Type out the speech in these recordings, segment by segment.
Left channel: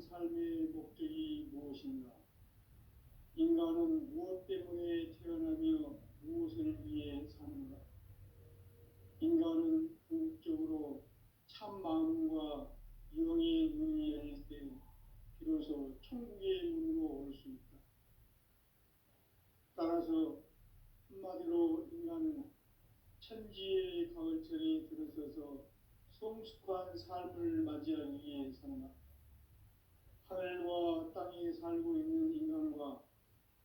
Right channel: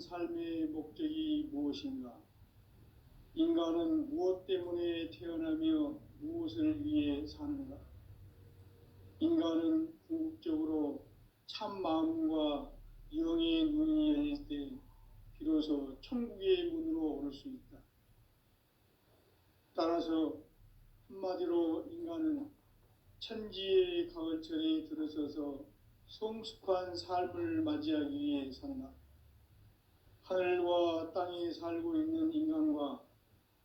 삶의 목적이 무엇인가? 인간은 무엇 때문에 태어나며 무엇을 위해 사는가? 인간은 궁극적으로 참 마음과 영의 눈이 열릴 때 비로소 천국의 문으로 올 수 있다. 따라서 한마디로 인간은 천지의 가을철에 들어서서 성숙한 삶을 맞이하기 위해 산다. 하늘과 땅에 살고 있는 인간과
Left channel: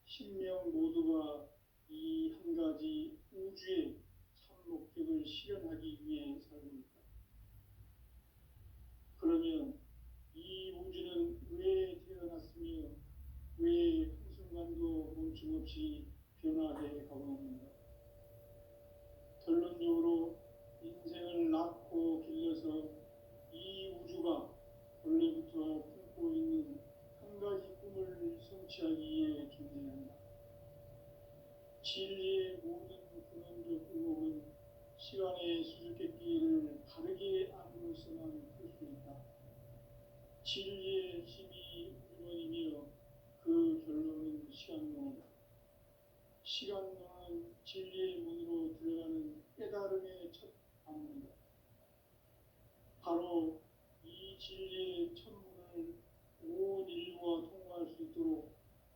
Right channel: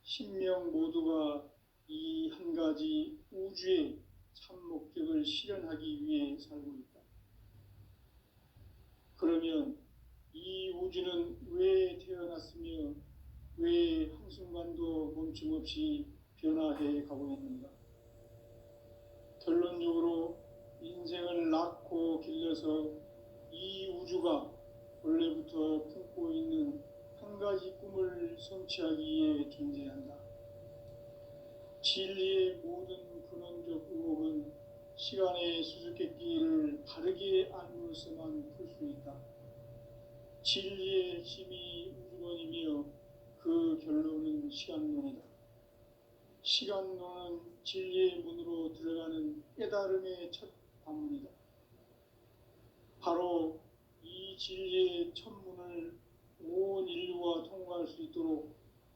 신명 모두가 이 한 가지 우주의 참 목적을 실현하기 위해 살고 있다. 그러면 이 우주는 왜 태어났으며 왜 한순간도 멈춤없이 변화해 가고 있는가? 결론적으로 인생을 낳고 길러서 이 우주가 원래부터 품고 있는 한 가지 꿈을 성취하기 위해 존재한다. 진리의 모든 근원적 의혹은 시간의 수수께끼를 바르게 알므로서만 풀 수 있다. 진리의 핵심이 우주론이며 그 결론은 시간론이다. 시간론은 진리의 문으로 들어가는 깨달음의 첫 관문이다. 바로 이 진리의 첫 문을 온 인류가 통과할 수 있도록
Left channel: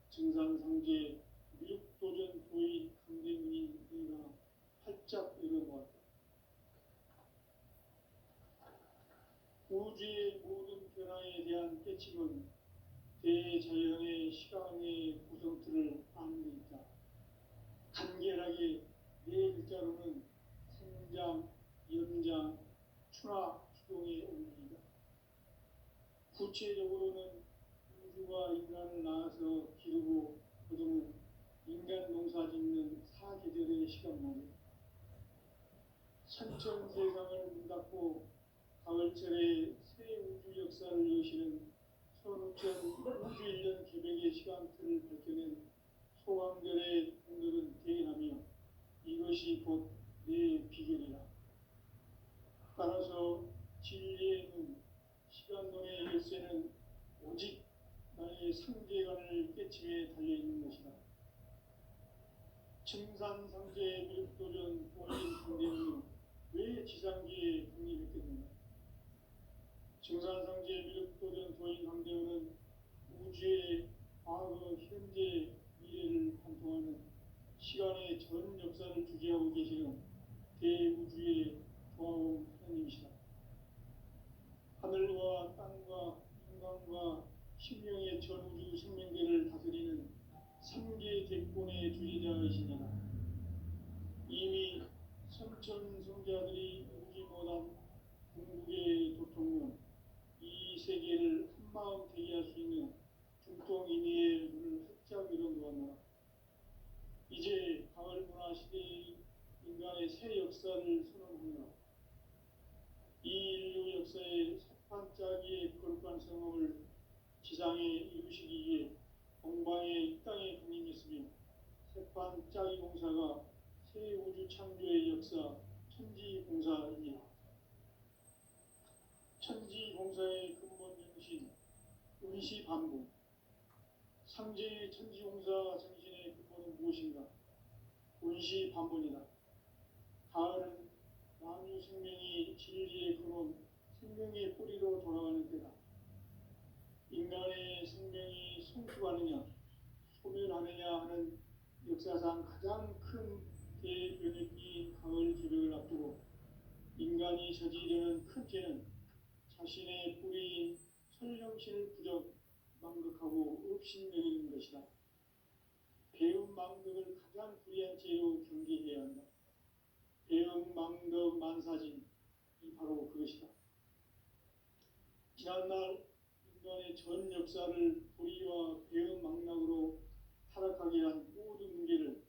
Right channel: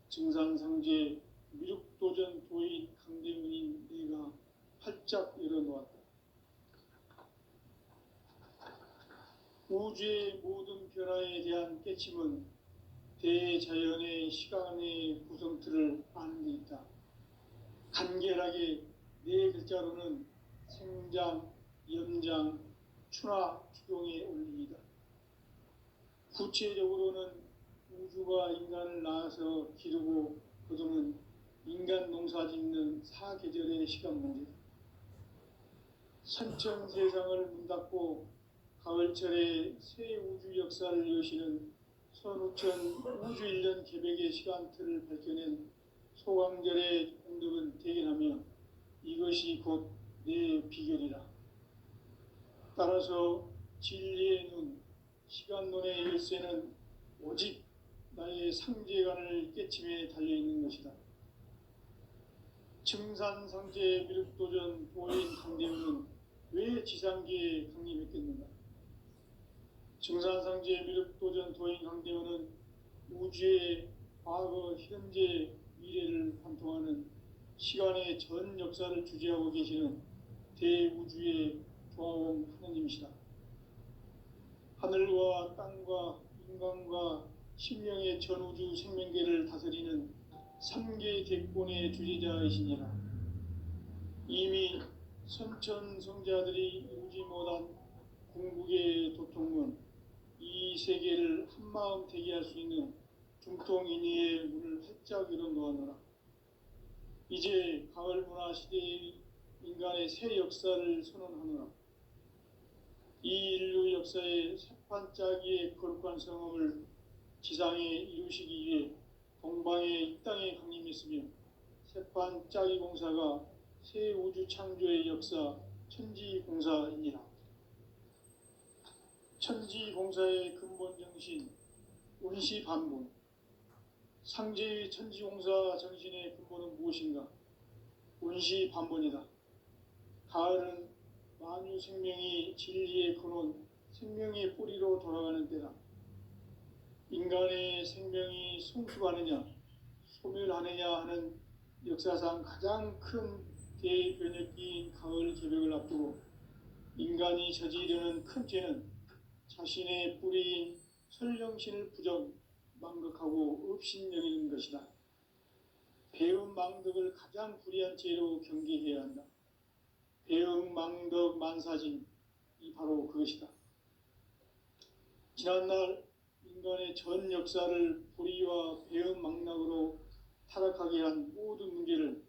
증산상제 미륵도전 도인 강대훈이 내가 활짝 열어놓았다. 우주의 모든 변화에 대한 깨침은 대자연의 시간의 구성틀을 아는 데 있다. 간결하게 네 글자로는 생장, 연장, 추나 추동의 원리이다. 구체적으로는 우주가 인간을 낳아서 기르고 거두는 인간 농사 짓는 사계절의 시간 문제다. 선천세상을 문 닫고 가을철에 새 우주 역사를 여시는 선우천 우주 1년 개백의 시간틀을 밝혀낸 소강절의 공덕은 대견하며 이것이 곧 내 비결이라. 따라서 진리의 눈, 시간론의 열쇠는 오직 나의 상제관을 깨침에 달려있는 것이다. 증산상제 미륵도전 도인 강대훈은 왜 지상계에 강림했겠는가? 증산상제 미륵도전 도인 강대훈은 우주의 과거, 현재, 미래를 관통하는 시간의 전 역사를 주재하고 계시는 대우주의 조화원 하느님이시다. 하늘과 땅과 인간과 신령의 전우주 생명계를 다스리는 3계 대권의 주재자이시니라. 이미 선천성자들이 이루지 못한 궁극의 도통문, 이 세계를 한마음 되게 할 수 있는 중통인의의 문을 활짝 열어놓았노라. 이제 가을 문화 시대의 인간의 새 역사를 선언하노라. 이 인류 역사의 새판짜기의 거룩한 성험을 지상에 이루시기 위해 동방의 이 땅에 강림했으며 새판짜기 공사가 새 우주 창조의 역사 천지공사이니라. 천지공사의 근본 정신 운시반분. 상제의 천지공사 정신의 근본은 무엇인가? 운시반분이다. 가을은 만유 생명이 진리의 근원, 생명의 뿌리로 돌아가는 때다. 인간의 생명이 성숙하느냐, 소멸하느냐 하는 역사상 가장 큰 대변혁기인 가을 개벽을 앞두고 인간이 저지르는 큰 죄는 자신의 뿌리인 설령신을 부정, 망각하고 업신여기는 것이다. 배음 망덕을 가장 불의한 죄로 경계해야 한다. 배음 망덕 만사진이 바로 그것이다. 지난날 인간의 전 역사를 불의와 배음 망락으로 타락하게 한 모든 문제를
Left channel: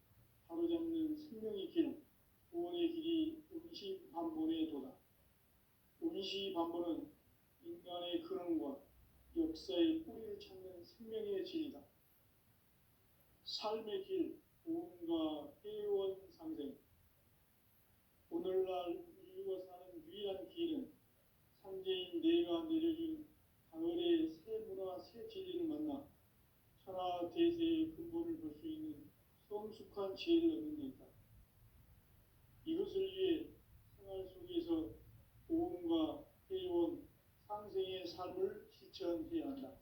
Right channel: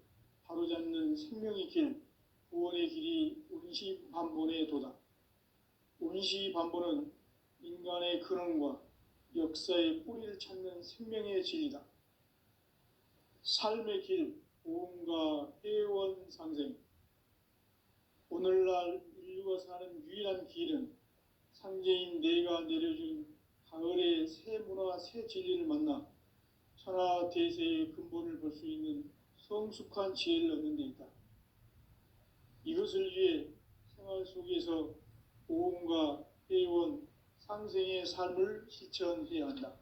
바로잡는 생명의 길, 구원의 길이 운시반본의 도다. 운시반본은 인간의 근원과 역사의 뿌리를 찾는 생명의 진리다. 삶의 길, 보험과 회원 상생. 오늘날 인류가 사는 유일한 길은 상제인 내가 내려준 가을에 새 문화, 새 진리를 만나 천하 대세의 근본을 볼 수 있는 성숙한 지혜를 얻는 데 있다. 이것을 위해 생활 속에서 보험과 회원, 상생의 삶을 실천해야 한다.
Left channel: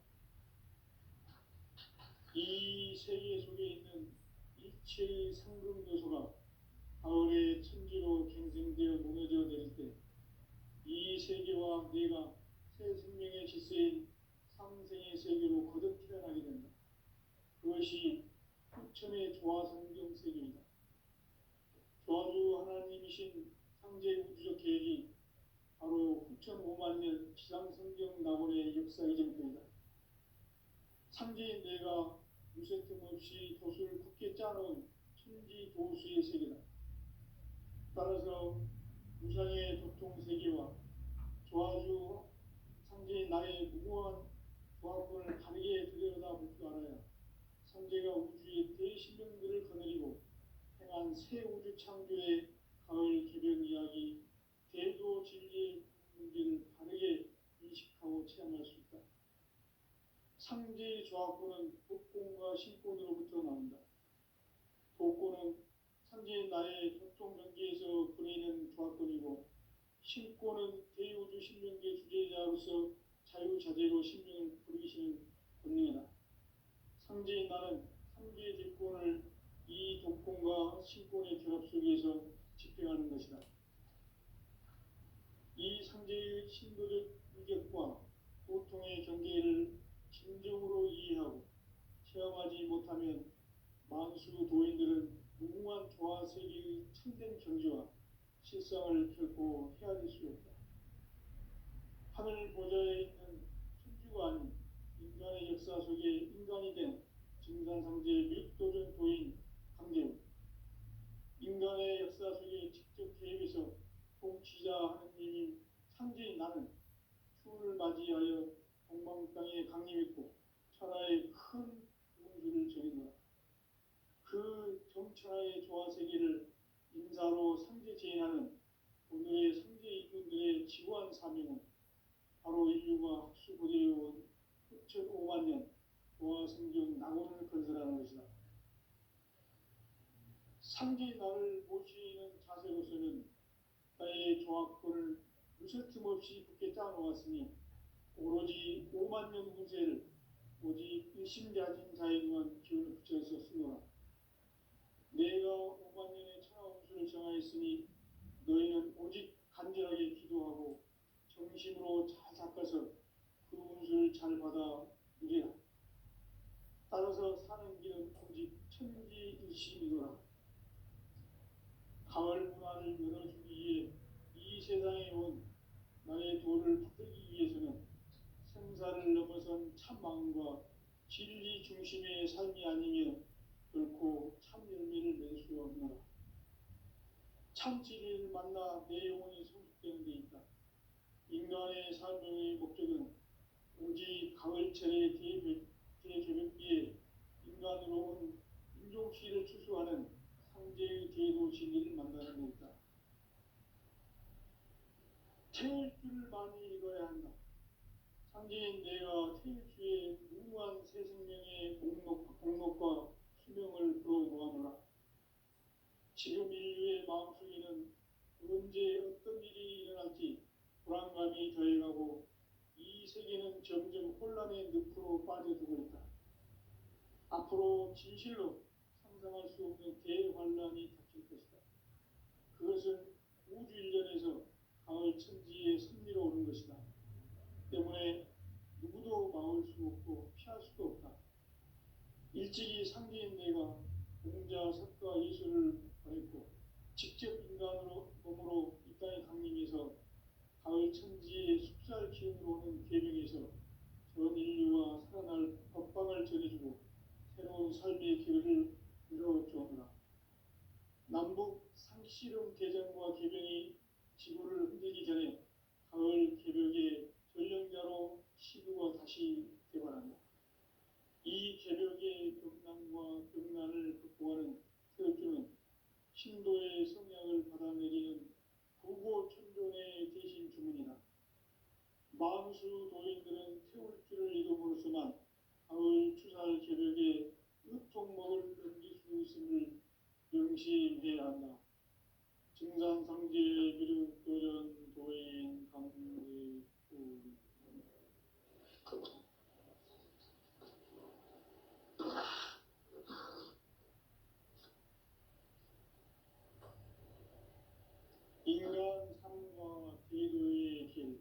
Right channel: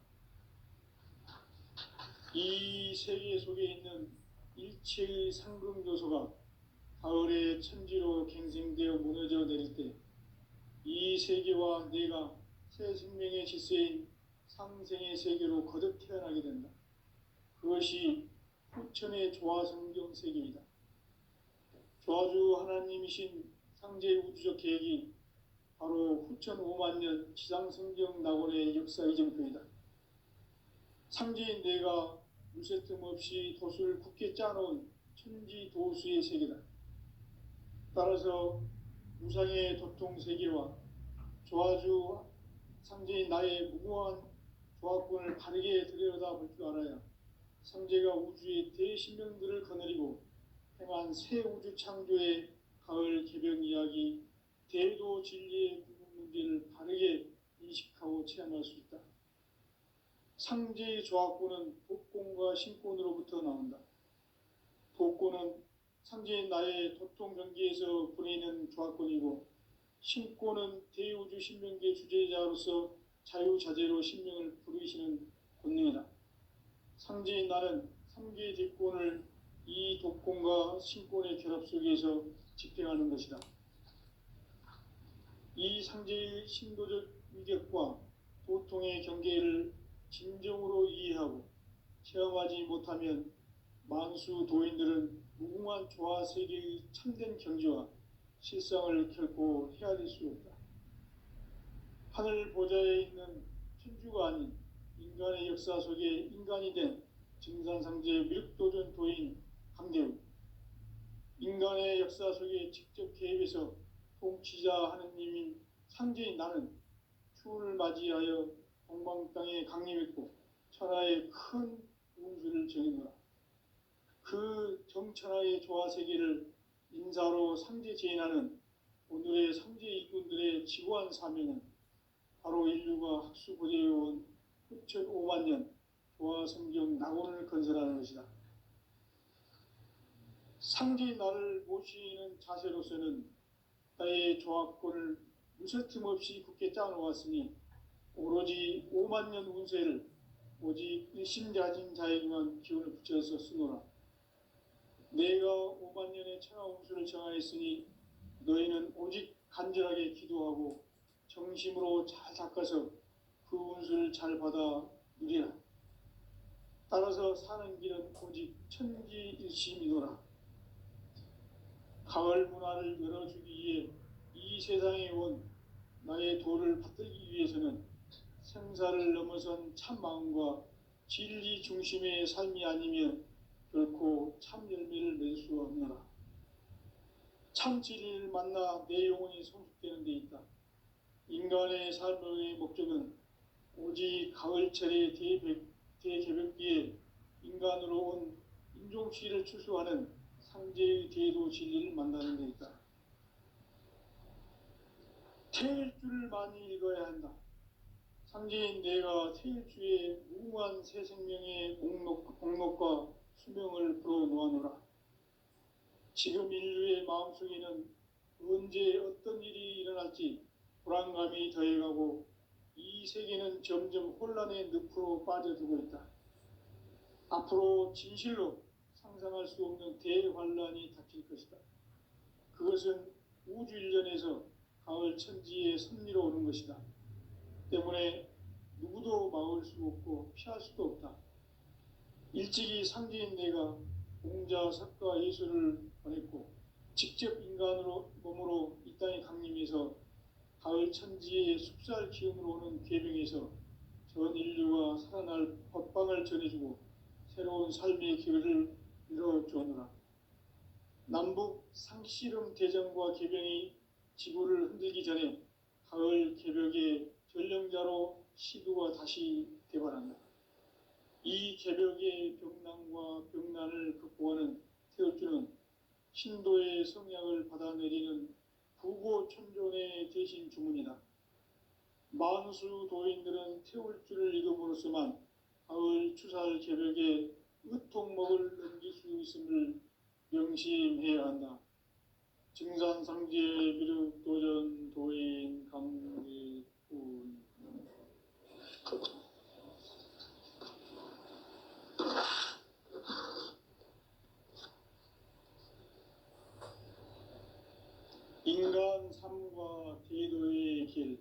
이 세계 속에 있는 일체의 상승도소가 가을의 천지로 갱생되어 무너져 내릴 때 이 세계와 내가 새 생명의 질서인 상생의 세계로 거듭 태어나게 된다. 그것이 후천의 조화성경 세계이다. 조화주 하나님이신 상제 우주적 계획이 바로 후천 5만 년 지상성경 낙원의 역사 이정표이다. 상제인 내가 무쇠 틈 없이 도수를 굳게 짜놓은 천지 도수의 세계다. 따라서 무상의 도통 세계와 조화주 상제인 나의 무궁한 조화권을 바르게 들여다볼 줄 알아야 상제가 우주의 대신명들을 거느리고 행한 새 우주 창조의 가을 개벽 이야기, 대도 진리의 문제를 바르게 인식하고 체험할 수 있다. 상제의 조화권은 복권과 신권으로부터 나온다. 복권은 상제인 나의 도통 경계에서 보내는 조화권이고, 신권은 대우주 신명계 주제자로서 자유자재로 신명을 부르시는 권능이다. 상제인 나는 3개의 대권을 이 독권과 신권의 결합 속에서 집행하는 것이다. 이 상제의 신도적 인격과 도통의 경계를 진정으로 이해하고 체험하지 못하면 만수 도인들은 무궁한 조화 세계의 참된 경지와 실상을 결코 헤아릴 수 없다. 하늘 보좌에 있는 천주가 아닌 인간의 역사 속에 인간이 된 증산상제 미륵도전 도인 강대우, 인간의 역사 속에 직접 개입해서 통치자 하느님인 상제인 나는 추운을 맞이하여 동방 땅에 강림했고 천하의 큰 운수를 정했노라. 그 정천하의 조화세계를 인사로 상제 제인하는 오늘의 상제 일꾼들의 지구한 사명은 바로 인류가 학수고대해온 후천 5만 년 조화성경 낙원을 건설하는 것이다. 상제인 나를 모시는 자세로서는 나의 조화권을 무쇠틈 없이 굳게 짜놓았으니 오로지 5만 년 운세를 오직 일심자진 자에게만 기운을 붙여서 쓰노라. 내가 5만 년의 천하 운수를 정하였으니 너희는 오직 간절하게 기도하고 정심으로 잘 닦아서 그 운수를 잘 받아 누리라. 따라서 사는 길은 오직 천지일심이노라. 가을 문화를 열어주기 위해 이 세상에 온 나의 도를 받들기 위해서는 생사를 넘어선 참마음과 진리 중심의 삶이 아니면 결코 참 열매를 맺을 수 없노라. 참 진리를 만나 내 영혼이 성숙되는 데 있다. 인간의 삶의 목적은 오직 가을철의 대개벽기에 인간으로 온 인종시를 추수하는 상제의 대도 진리를 만나는 데 있다. 태일주를 많이 읽어야 한다. 상제인 내가 태일주의 무궁한 새 생명의 목록과 수명을 불어놓아노라. 지금 인류의 마음속에는 언제 어떤 일이 일어날지 불안감이 더해가고 이 세계는 점점 혼란의 늪으로 빠져들고 있다. 앞으로 진실로 상상할 수 없는 대환란이 닥칠 것이다. 그것은 우주 일련에서 가을 천지의 섭리로 오는 것이다. 때문에 누구도 막을 수 없고 피할 수도 없다. 일찍이 상제인 내가 공자, 석가, 예수를 보냈고 직접 인간으로 몸으로 이 땅에 강림해서 가을 천지의 숲살 기운으로 오는 계명에서 전 인류가 살아날 법방을 전해주고 새로운 삶의 길을 열어주었노라. 남북 상씨름 대전과 개병이 지구를 흔들기 전에 가을 개벽의 전령자로 시도가 다시 되관한다. 이 개벽의 병난과 병난을 극복하는 태울주는 신도의 성약을 받아내리는 부고 천존의 대신 주문이다. 만수 도인들은 태울 줄을 익음으로써만 가을 추살 개벽에 으통먹을 넘길 수 있음을 명심해야 한다. 증산상제 비륵 도전 도인 강대 도인. 인간 삶과 대도의 길.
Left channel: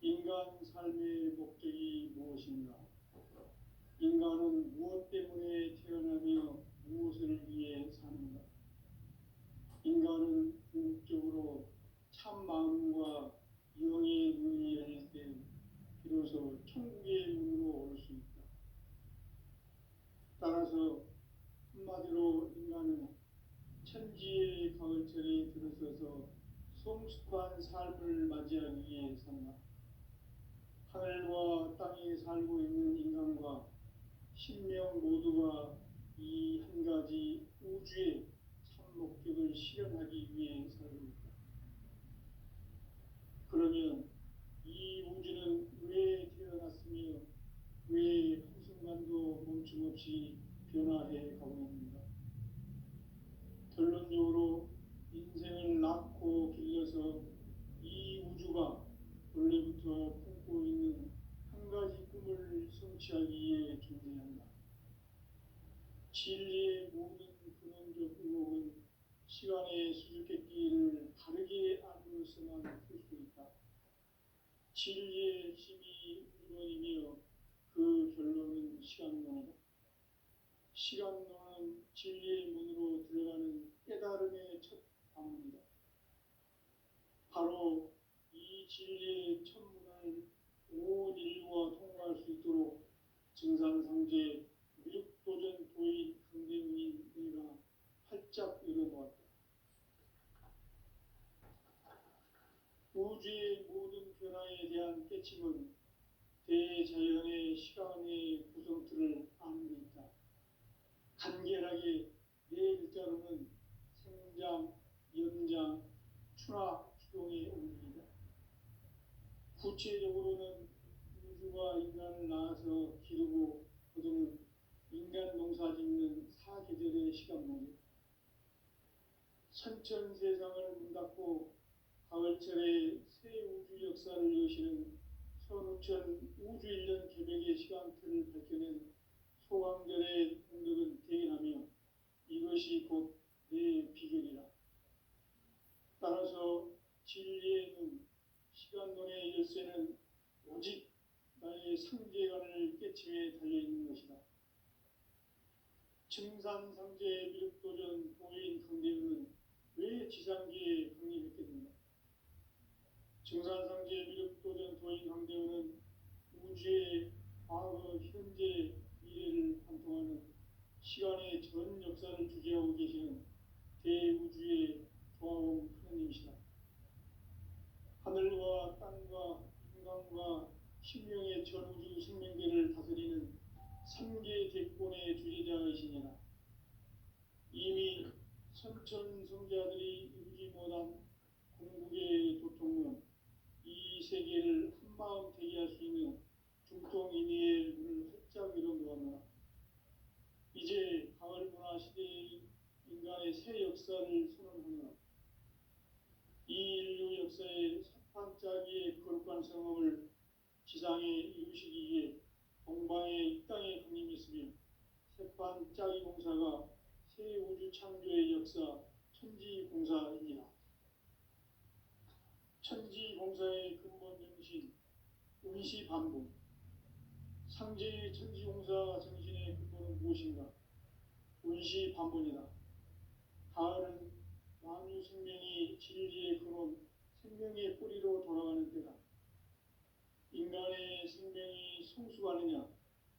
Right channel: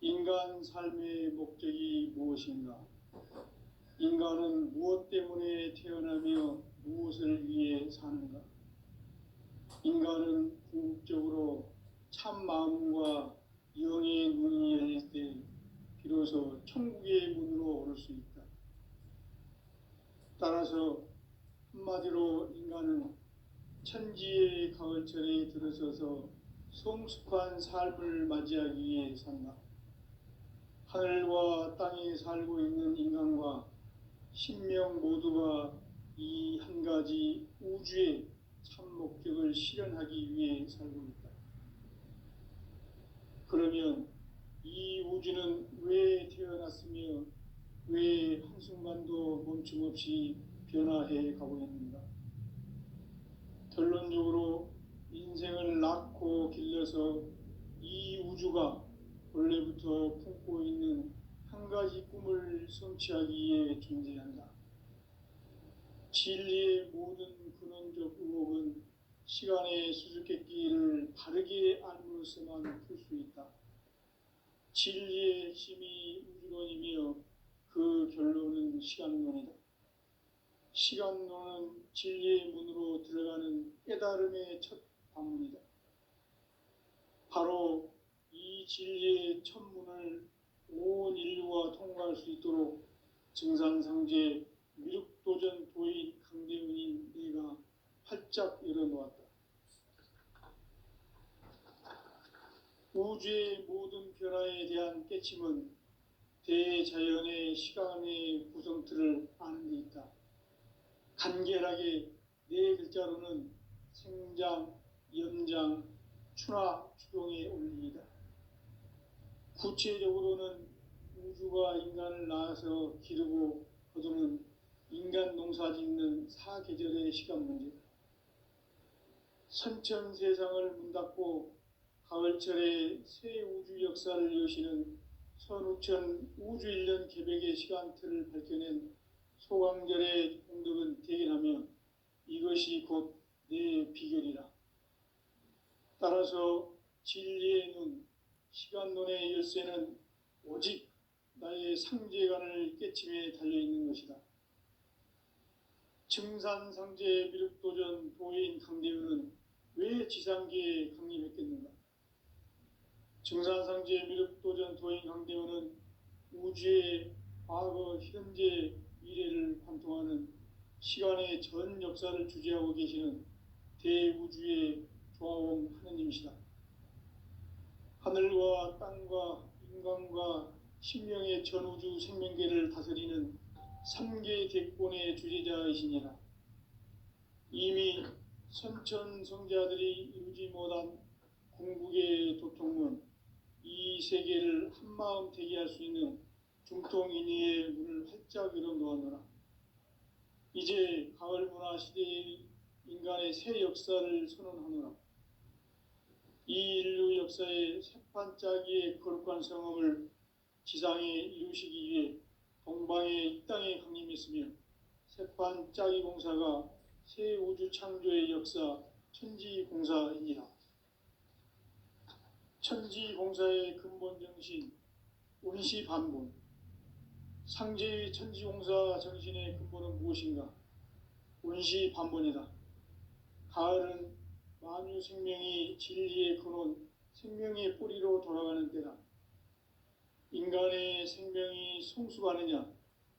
인간 삶의 목적이 무엇인가? 인간은 무엇 때문에 태어나며 무엇을 위해 사는가? 인간은 궁극적으로 참 마음과 영의 문이 열릴 때 비로소 천국의 문으로 오를 수 있다. 따라서 한마디로 인간은 천지의 가을철에 들어서서 성숙한 삶을 맞이하기 위해 산다. 하늘과 땅에 살고 있는 인간과 신명 모두가 이 한 가지 우주의 참 목적을 실현하기 위해 살고 있다. 그러면 이 우주는 왜 태어났으며 왜 한순간도 멈춤없이 변화해 가고 있는가? 결론적으로 인생을 낳고 길러서 이 우주가 원래부터 품고 있는 한 가지 꿈을 성취하기 위해 존재한다. 진리의 모든 근원적 의혹은 시간의 수수께끼를 바르게 알므로써만 풀 수 있다. 진리의 핵심이 우주론이며 그 결론은 시간론이다. 시간론은 진리의 문으로 들어가는 깨달음의 첫 방문이다. 바로 이 진리의 첫 문을 온 인류가 통과할 수 있도록 증산상제 미륵도전 도인 강대훈이 내가 활짝 열어놓았다. 우주의 모든 변화에 대한 깨침은 대자연의 시간의 구성틀을 아는 데 있다. 간결하게 네 글자로는 생장, 연장, 추나 추동의 원리이다. 구체적으로는 우주가 인간을 낳아서 기르고 거두는 인간 농사 짓는 사계절의 시간 문제다. 선천 세상을 문닫고 가을철에 새 우주 역사를 여시는 선우천 우주 1년 개벽의 시간틀을 밝혀낸 소강절의 공덕은 대견하며 이것이 곧 내 비결이라. 따라서 진리의 눈, 시간론의 열쇠는 오직 나의 상제관을 깨침에 달려있는 것이다. 증산상제 미륵도전 도인 강대훈은 왜 지상계에 강림했겠는가? 증산상제 미륵도전 도인 강대훈은 우주의 과거, 현재, 미래를 관통하는 시간의 전 역사를 주재하고 계시는 대우주의 조화원 하느님이시다. 하늘과 땅과 인간과 신명의 전우주 생명계를 다스리는 3계 대권의 주재자이시니라. 이미 선천성자들이 이루지 못한 궁극의 도통문, 이 세계를 한마음 되게 할 수 있는 중통인의의 문을 활짝 열어놓았노라. 이제 가을 문화 시대의 인간의 새 역사를 선언하노라. 이 인류 역사의 새판짜기의 거룩한 성험을 지상에 이루시기 위해 동방의 이 땅에 강림했으며 새판짜기 공사가 새 우주 창조의 역사 천지공사이니라. 천지공사의 근본 정신 운시반본. 상제의 천지공사 정신의 근본은 무엇인가? 운시반본이다. 가을은 만유 생명이 진리의 근원, 생명의 뿌리로 돌아가는 때다. 인간의 생명이 성숙하느냐,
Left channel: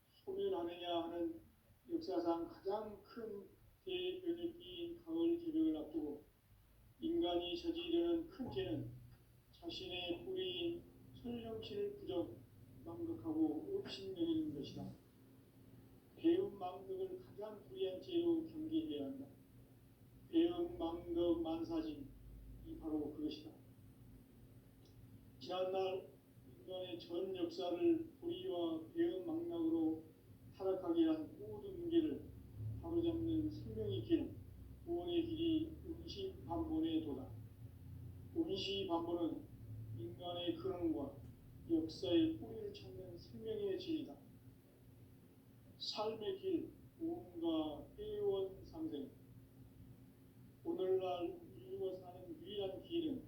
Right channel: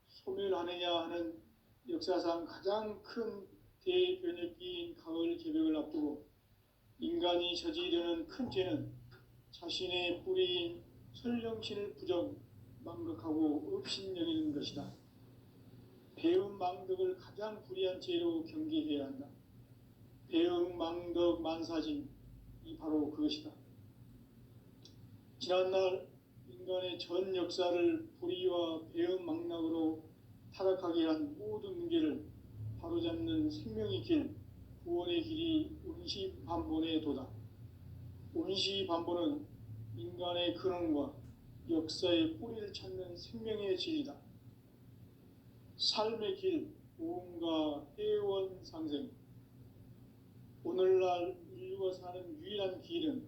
소멸하느냐 하는 역사상 가장 큰 대변혁기인 가을 개벽을 앞두고 인간이 저지르는 큰 죄는 자신의 뿌리인 설령신을 부정, 망각하고 업신여기는 것이다. 배움 망덕을 가장 불의한 죄로 경계해야 한다. 배움 망덕 만사진, 이 바로 그것이다. 지난날 인간의 전 역사를 불의와 배은 망락으로 타락하게 한 모든 문제를 바로잡는 생명의 길, 구원의 길이 운시반본에 도다. 운시반본은 인간의 근원과 역사의 뿌리를 찾는 생명의 진리다. 삶의 길, 구원과 회원 상생. 오늘날 인류가 사는 유일한 길은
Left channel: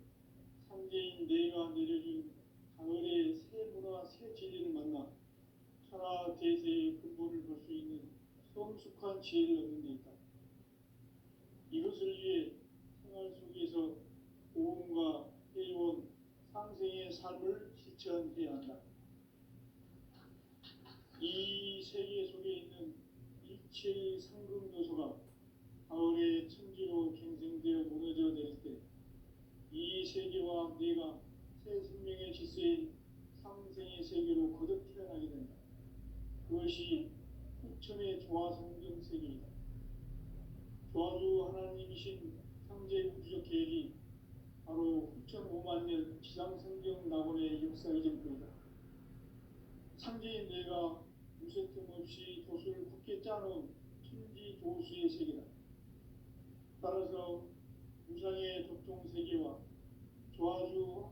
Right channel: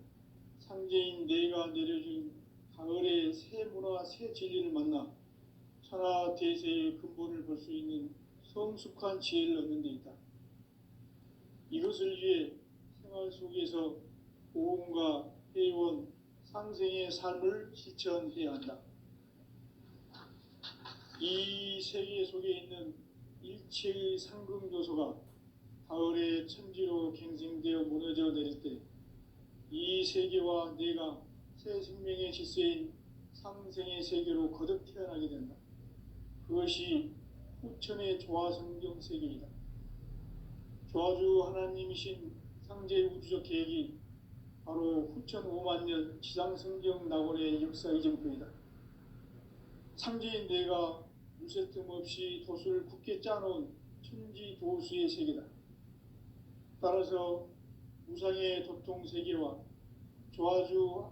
상제인 내가 내려준 가을의 새 문화, 새 진리를 만나 천하 대세의 근본을 볼 수 있는 성숙한 지혜를 얻는 데 있다. 이것을 위해 생활 속에서 보험과 회원, 상생의 삶을 실천해야 한다. 이 세계 속에 있는 일체의 상승요소가 가을의 천지로 갱생되어 무너져 내릴 때 이 세계와 내가 새 생명의 질서인 상생의 세계로 거듭 태어나게 된다. 그것이 후천의 조화성경 세계이다. 조화주 하나님이신 상제 우주적 계획이 바로 후천 5만 년 지상성경 낙원의 역사 이전표이다. 상제인 내가 무쇠 틈 없이 돛을 굳게 짜놓은 천지 도수의 세계다. 따라서 우상의 도통 세계와 조화주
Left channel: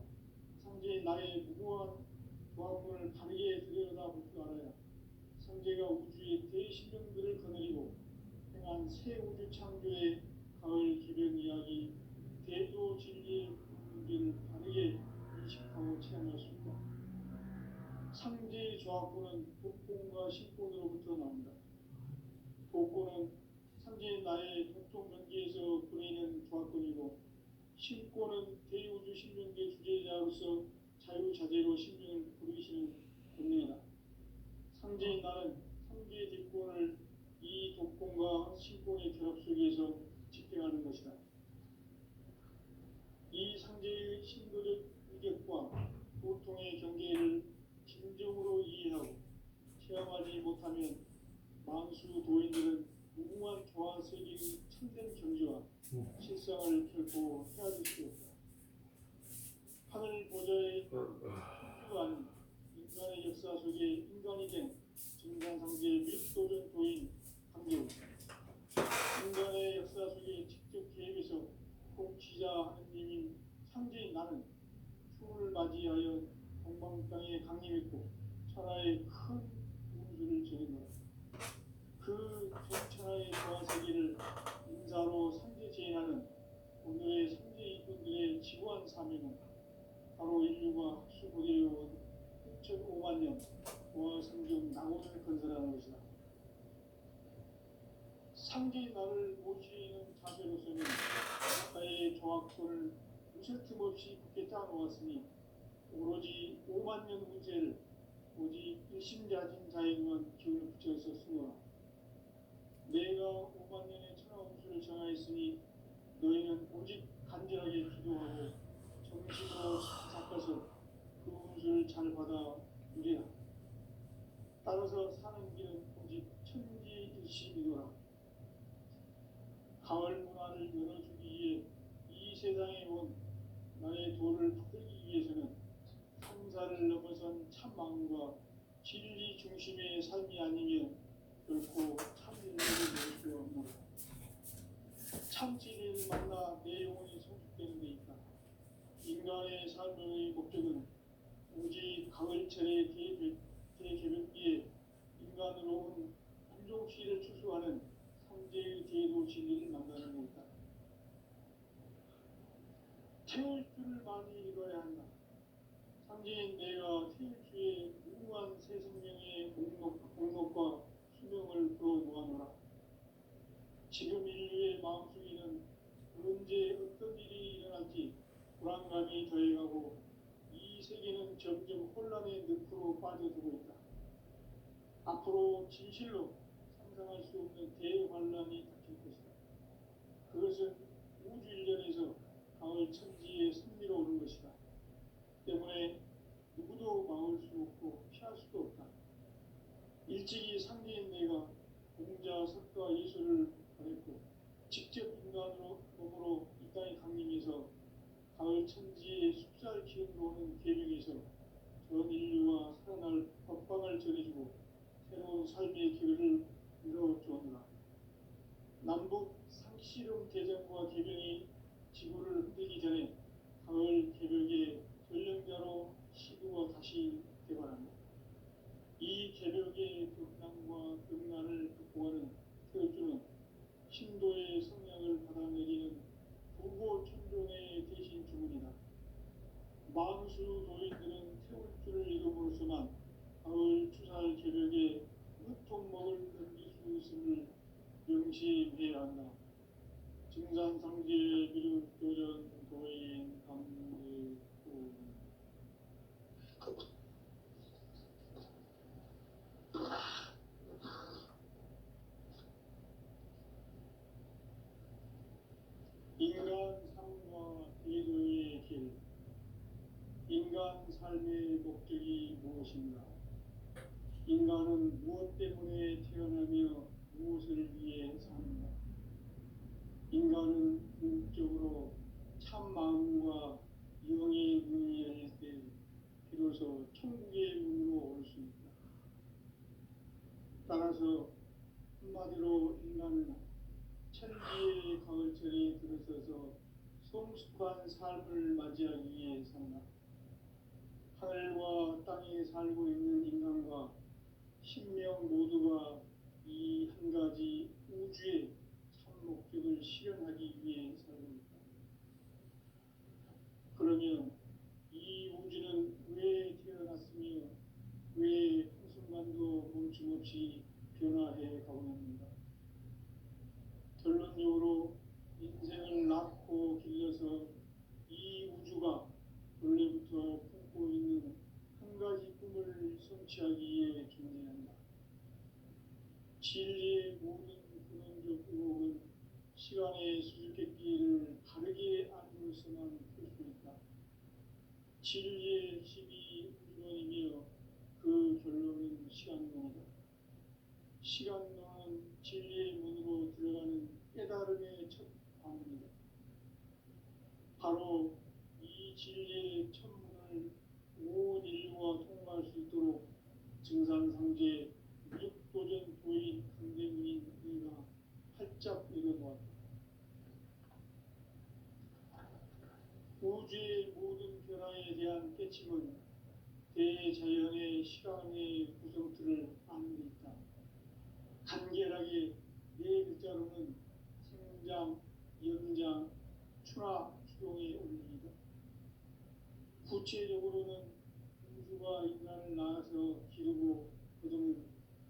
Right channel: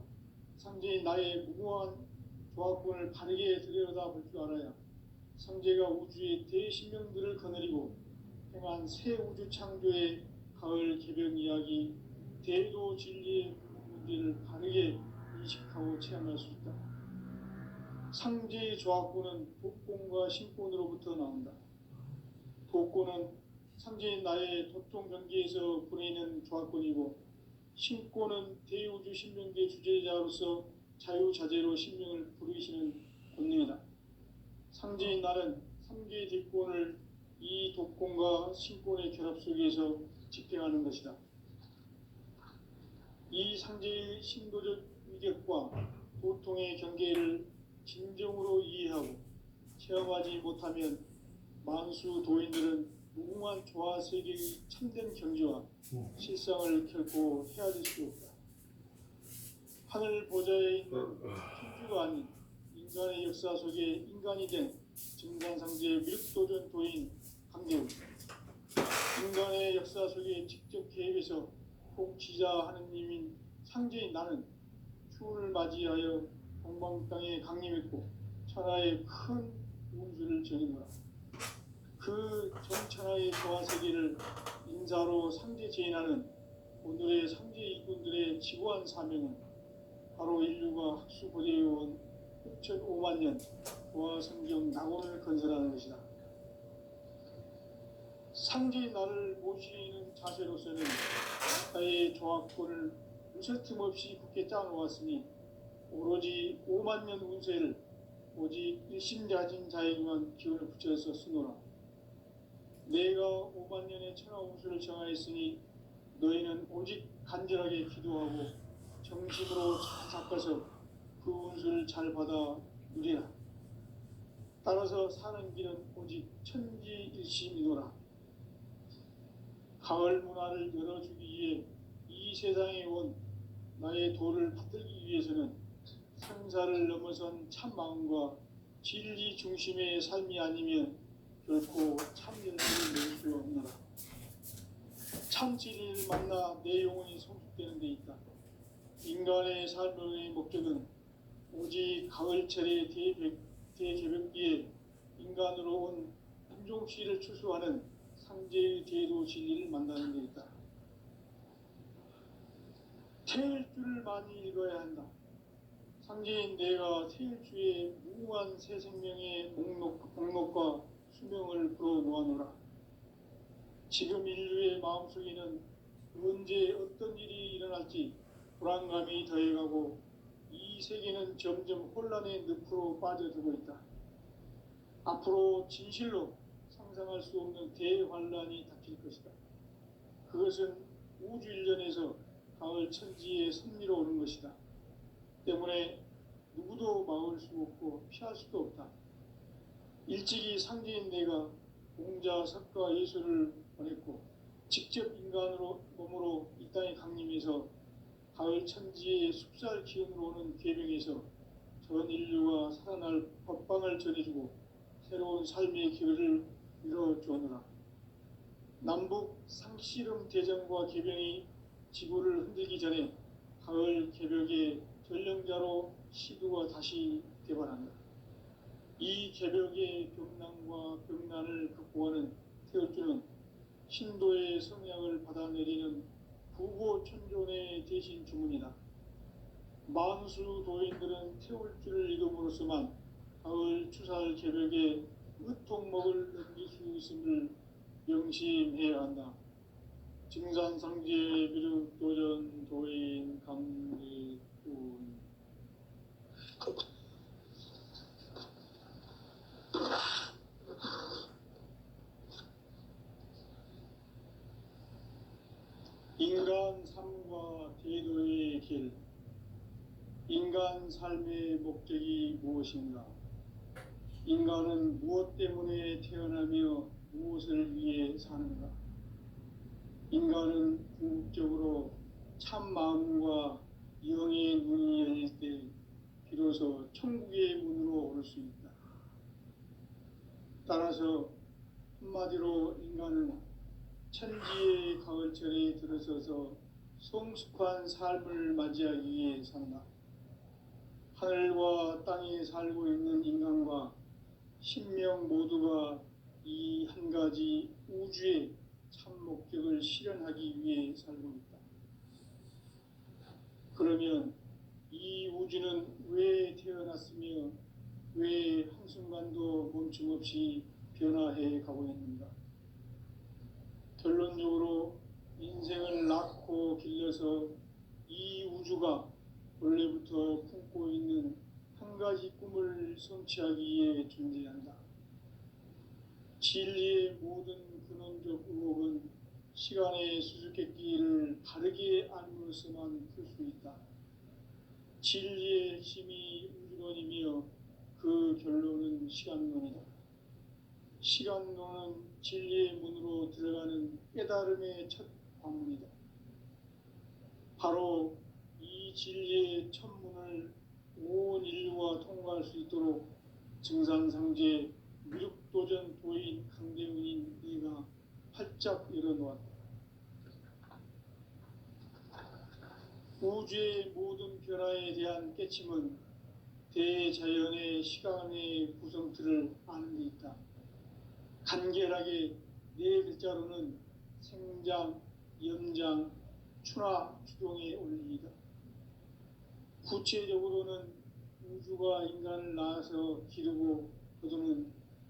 상제인 나의 무궁한 조합군을 바르게 들여다볼 줄 알아야 상제가 우주의 대신명들을 거느리고 행한 새 우주 창조의 가을 개벽 이야기, 대도 진리의 문제를 바르게 인식하고 체험할 수 있다. 상제의 조합군은 독공과 신권으로부터 나온다. 독권은 상제인 나의 도통 경계에서 보내는 조합권이고, 신권은 대우주 신명계 주제자로서 자유자재로 신명을 부르시는 권능이다. 상제인 나는 상제의 뒷권을 이 독권과 신권의 결합 속에서 집행하는 것이다. 이 상제의 신도적 위격과 보통의 경계를 진정으로 이해하고 체험하지 못하면 만수 도인들은 무궁한 조화 세계의 참된 경지와 실상을 결코 헤아릴 수 없다. 하늘 보좌에 있는 천주가 아닌 인간의 역사 속에 인간이 된 증산상제 위력도전 도인 강재우, 인간의 역사 속에 직접 개입해서 통치자 하느님인 상제인 나는 추운을 맞이하여 동방 땅에 강림했고 천하의 큰 운수를 정해노라. 그 전천하의 조화세계를 인사로 상제 제인하는 오늘의 상제 일꾼들의 지구한 사명은 바로 인류가 학수고대해온 6,5만 년 조화성경 낙원을 건설하는 것이다. 상제인 나를 모시는 자세로서는 나의 조합권을 무쇠 틈 없이 굳게 짜놓았으니 오로지 5만 년 운세를 오직 일심자진 자에게만 기운을 붙여서 쓰노라. 내가 5만 년의 천하 운수를 정하였으니 너희는 오직 간절하게 기도하고 정식으로 닦아서 그 운수를 잘 받아 누리라. 따라서 사는 길은 오직 천지일심이노라. 가을 문화를 열어주기 위해 이 세상에 온 나의 도를 받들기 위해서는 생사를 넘어선 참 마음과 진리 중심의 삶이 아니면 결코 참진리를 낼 수 없노라. 참 진리를 만나 내 영혼이 성숙되는 데 있다. 인간의 삶의 목적은 오직 가을철의 대개벽기에 인간으로 온 인종시를 추수하는 상제의 대도 진리를 만나는 데 있다. 태일주를 많이 읽어야 한다. 상제인 내가 태일주의 무궁한 새 생명의 목록과 수명을 풀어놓아노라. 지금 인류의 마음속에는 언제 어떤 일이 일어날지 불안감이 더해가고 이 세계는 점점 혼란의 늪으로 빠져들고 있다. 앞으로 진실로 상상할 수 없는 대환란이 닥칠 것이다. 그것은 우주 일련에서 가을 천지의 섭리로 오는 것이다. 때문에 누구도 막을 수 없고 피할 수도 없다. 일찍이 상제인 내가 공자, 석가, 예수를 보냈고 직접 인간으로 몸으로 이 땅에 강림해서 가을 천지의 숲살 기운으로 오는 계명에서 전 인류가 살아날 법방을 전해주고 새로운 삶의 기회를 열어주느라. 남북 상씨름 대전과 개병이 지구를 흔들기 전에 가을 개벽의 전령자로 시두가 다시 되발한다. 이 개벽의 병난과 병난을 극복하는 태울주는 신도의 성향을 받아내리는 부고천존의 대신 주문이다. 만수 도인들은 태울주를 이름으로서만 가을 추살 개벽에 으통먹을 넘길 수 있음을 명심해야 한다. 증산상제 비륵 도전 도인 강례군. 인간 삶과 대도의 길. 인간 삶의 목적이 무엇인가? 인간은 무엇 때문에 태어나며 무엇을 위해 사는가? 인간은 궁극적으로 참 마음과 영의 문이 열릴 때 비로소 천국의 문으로 올 수 있다. 따라서 한마디로 인간은 천지의 가을철에 들어서서 성숙한 삶을 맞이하기 위해 산다. 하늘과 땅에 살고 있는 인간과 신명 모두가 이 한 가지 우주의 참 목적을 실현하기 위해 살고 있다. 그러면 이 우주는 왜 태어났으며 왜 한순간도 멈춤없이 변화해 가고 있는가? 결론적으로 인생을 낳고 길러서 이 우주가 원래부터 품고 있는 한 가지 꿈을 성취하기 위해 존재한다. 진리의 모든 근원적 의혹은 시간의 수수께끼를 바르게 알므로서만 풀 수 있다. 진리의 핵심이 우주론이며 그 결론은 시간론이다. 시간론은 진리의 문으로 들어가는 깨달음의 첫 관문이다. 바로 이 진리의 첫 문을 온 인류가 통과할 수 있도록 증산상제 미륵도전 도인 강대훈인 네가 활짝 열어놓았다. 우주의 모든 변화에 대한 깨침은 대자연의 시간의 구성틀을 아는 데 있다. 간결하게 네 글자로는 생장, 연장, 추나 추종의 원리이다. 구체적으로는 우주가 인간을 낳아서 기르고 거두는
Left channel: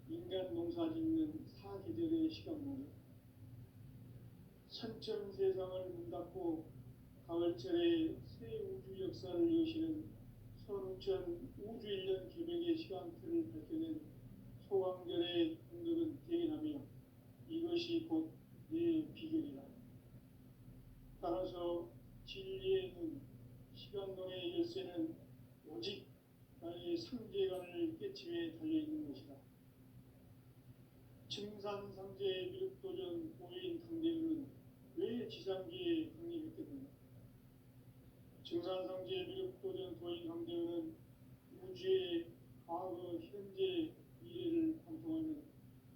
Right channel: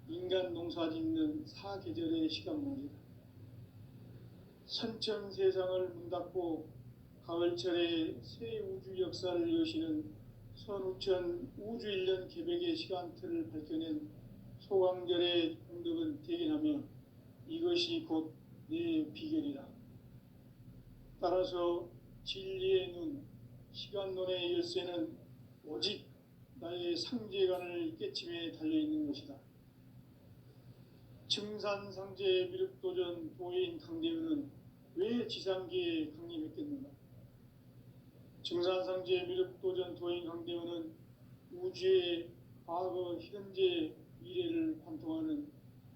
인간 농사 짓는 사계절의 시간문이다. 선천 세상을 문닫고 가을철에 새 우주 역사를 여시는 선우천 우주 1년 개벽의 시간틀을 밝혀낸 소강절의 공덕은 대견하며 이것이 곧 내 비결이다. 따라서 진리의 눈, 시간론의 열쇠는 오직 나의 상제관을 깨침에 달려있는 것이다. 증산상제 미륵도전 도인 강대훈은 왜 지상계에 강림했겠는가? 증산상제 미륵도전 도인 강대훈은 우주의 과거, 현재, 미래를 관통하는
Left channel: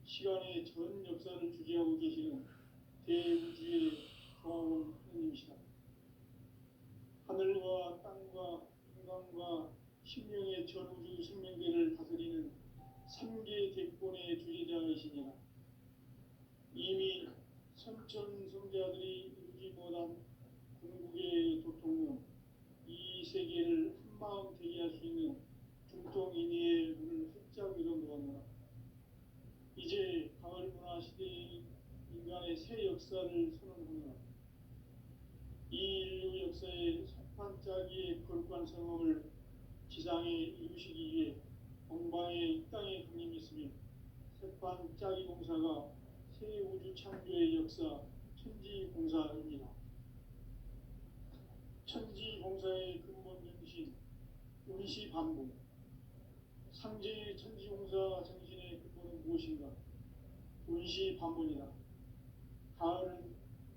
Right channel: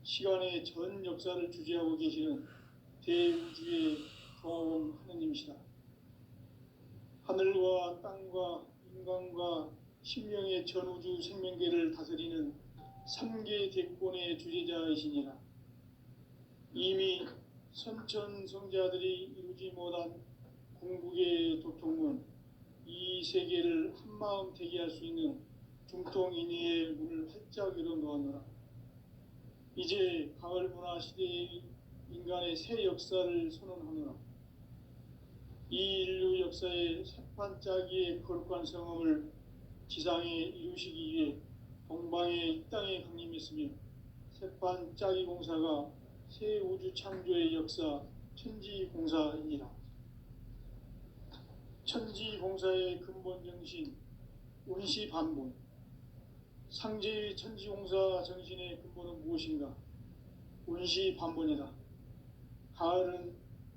시간의 전 역사를 주재하고 계시는 대우주의 조화원 하느님이시다. 하늘과 땅과 인간과 신명의 전우주 생명계를 다스리는 3계 대권의 주제자이시니라. 이미 선천성자들이 이루지 못한 궁극의 도통은 이 세계를 한마음 되게 할 수 있는 중통인의의 문을 활짝 열어놓았노라. 이제 가을 문화 시대의 인간의 새 역사를 선언하노라. 이 인류 역사의 새판짜기의 거룩한 성험을 지상에 이루시기 위해 동방의 이 땅에 강림했으며 새판짜기 공사가 새 우주 창조의 역사 천지공사이니라. 천지공사의 근본 정신 운시반본. 상제의 천지공사 정신의 근본은 무엇인가? 운시반본이다. 가을은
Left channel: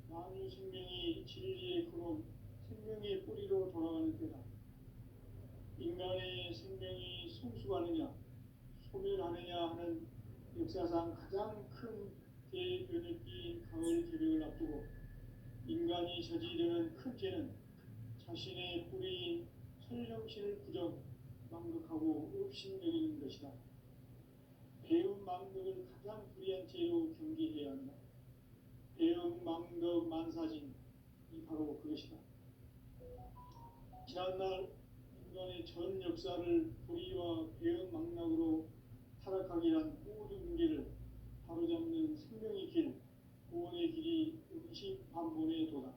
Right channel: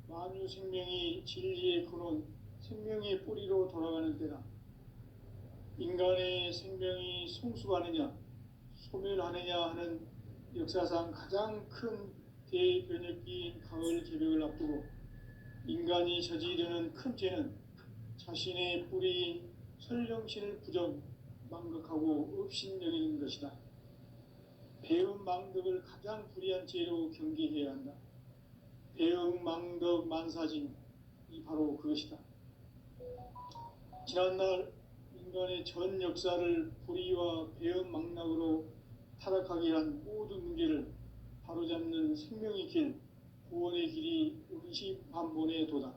만유 생명이 진리의 근원, 생명의 뿌리로 돌아가는 때다. 인간의 생명이 성숙하느냐 소멸하느냐 하는 역사상 가장 큰 대변혁기인 가을 개벽을 앞두고 인간이 저지르는 큰 죄는 자신의 뿌리인 설령신을 부정 망각하고 업신여기는 것이다. 배은망덕을 가장 불의한 죄로 경계해야 한다. 배은망덕 만사진이 바로 그것이다. 지난날 인간의 전 역사를 불의와 배은망락으로 타락하게 한 모든 문제를 바로잡는 생명의 길, 구원의 길이 운시반본에 도다.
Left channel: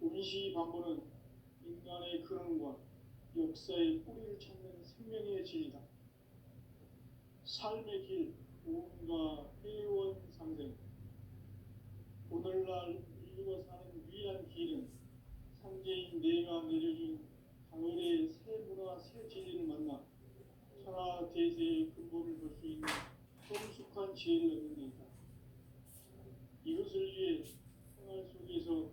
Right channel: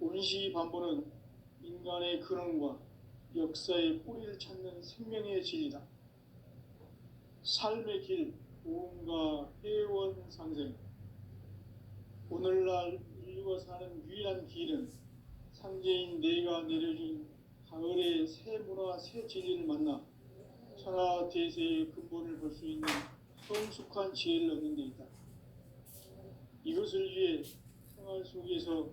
운시반본은 인간의 근원과 역사의 뿌리를 찾는 생명의 진리다. 삶의 길, 구원과 회원 상생. 오늘날 인류가 사는 유일한 길은 상제인 내가 내려준 가을의 새 문화, 새 진리를 만나 천하 대세의 근본을 볼 수 있는 성숙한 지혜를 얻는 데 있다. 이것을 위해 생활 속에서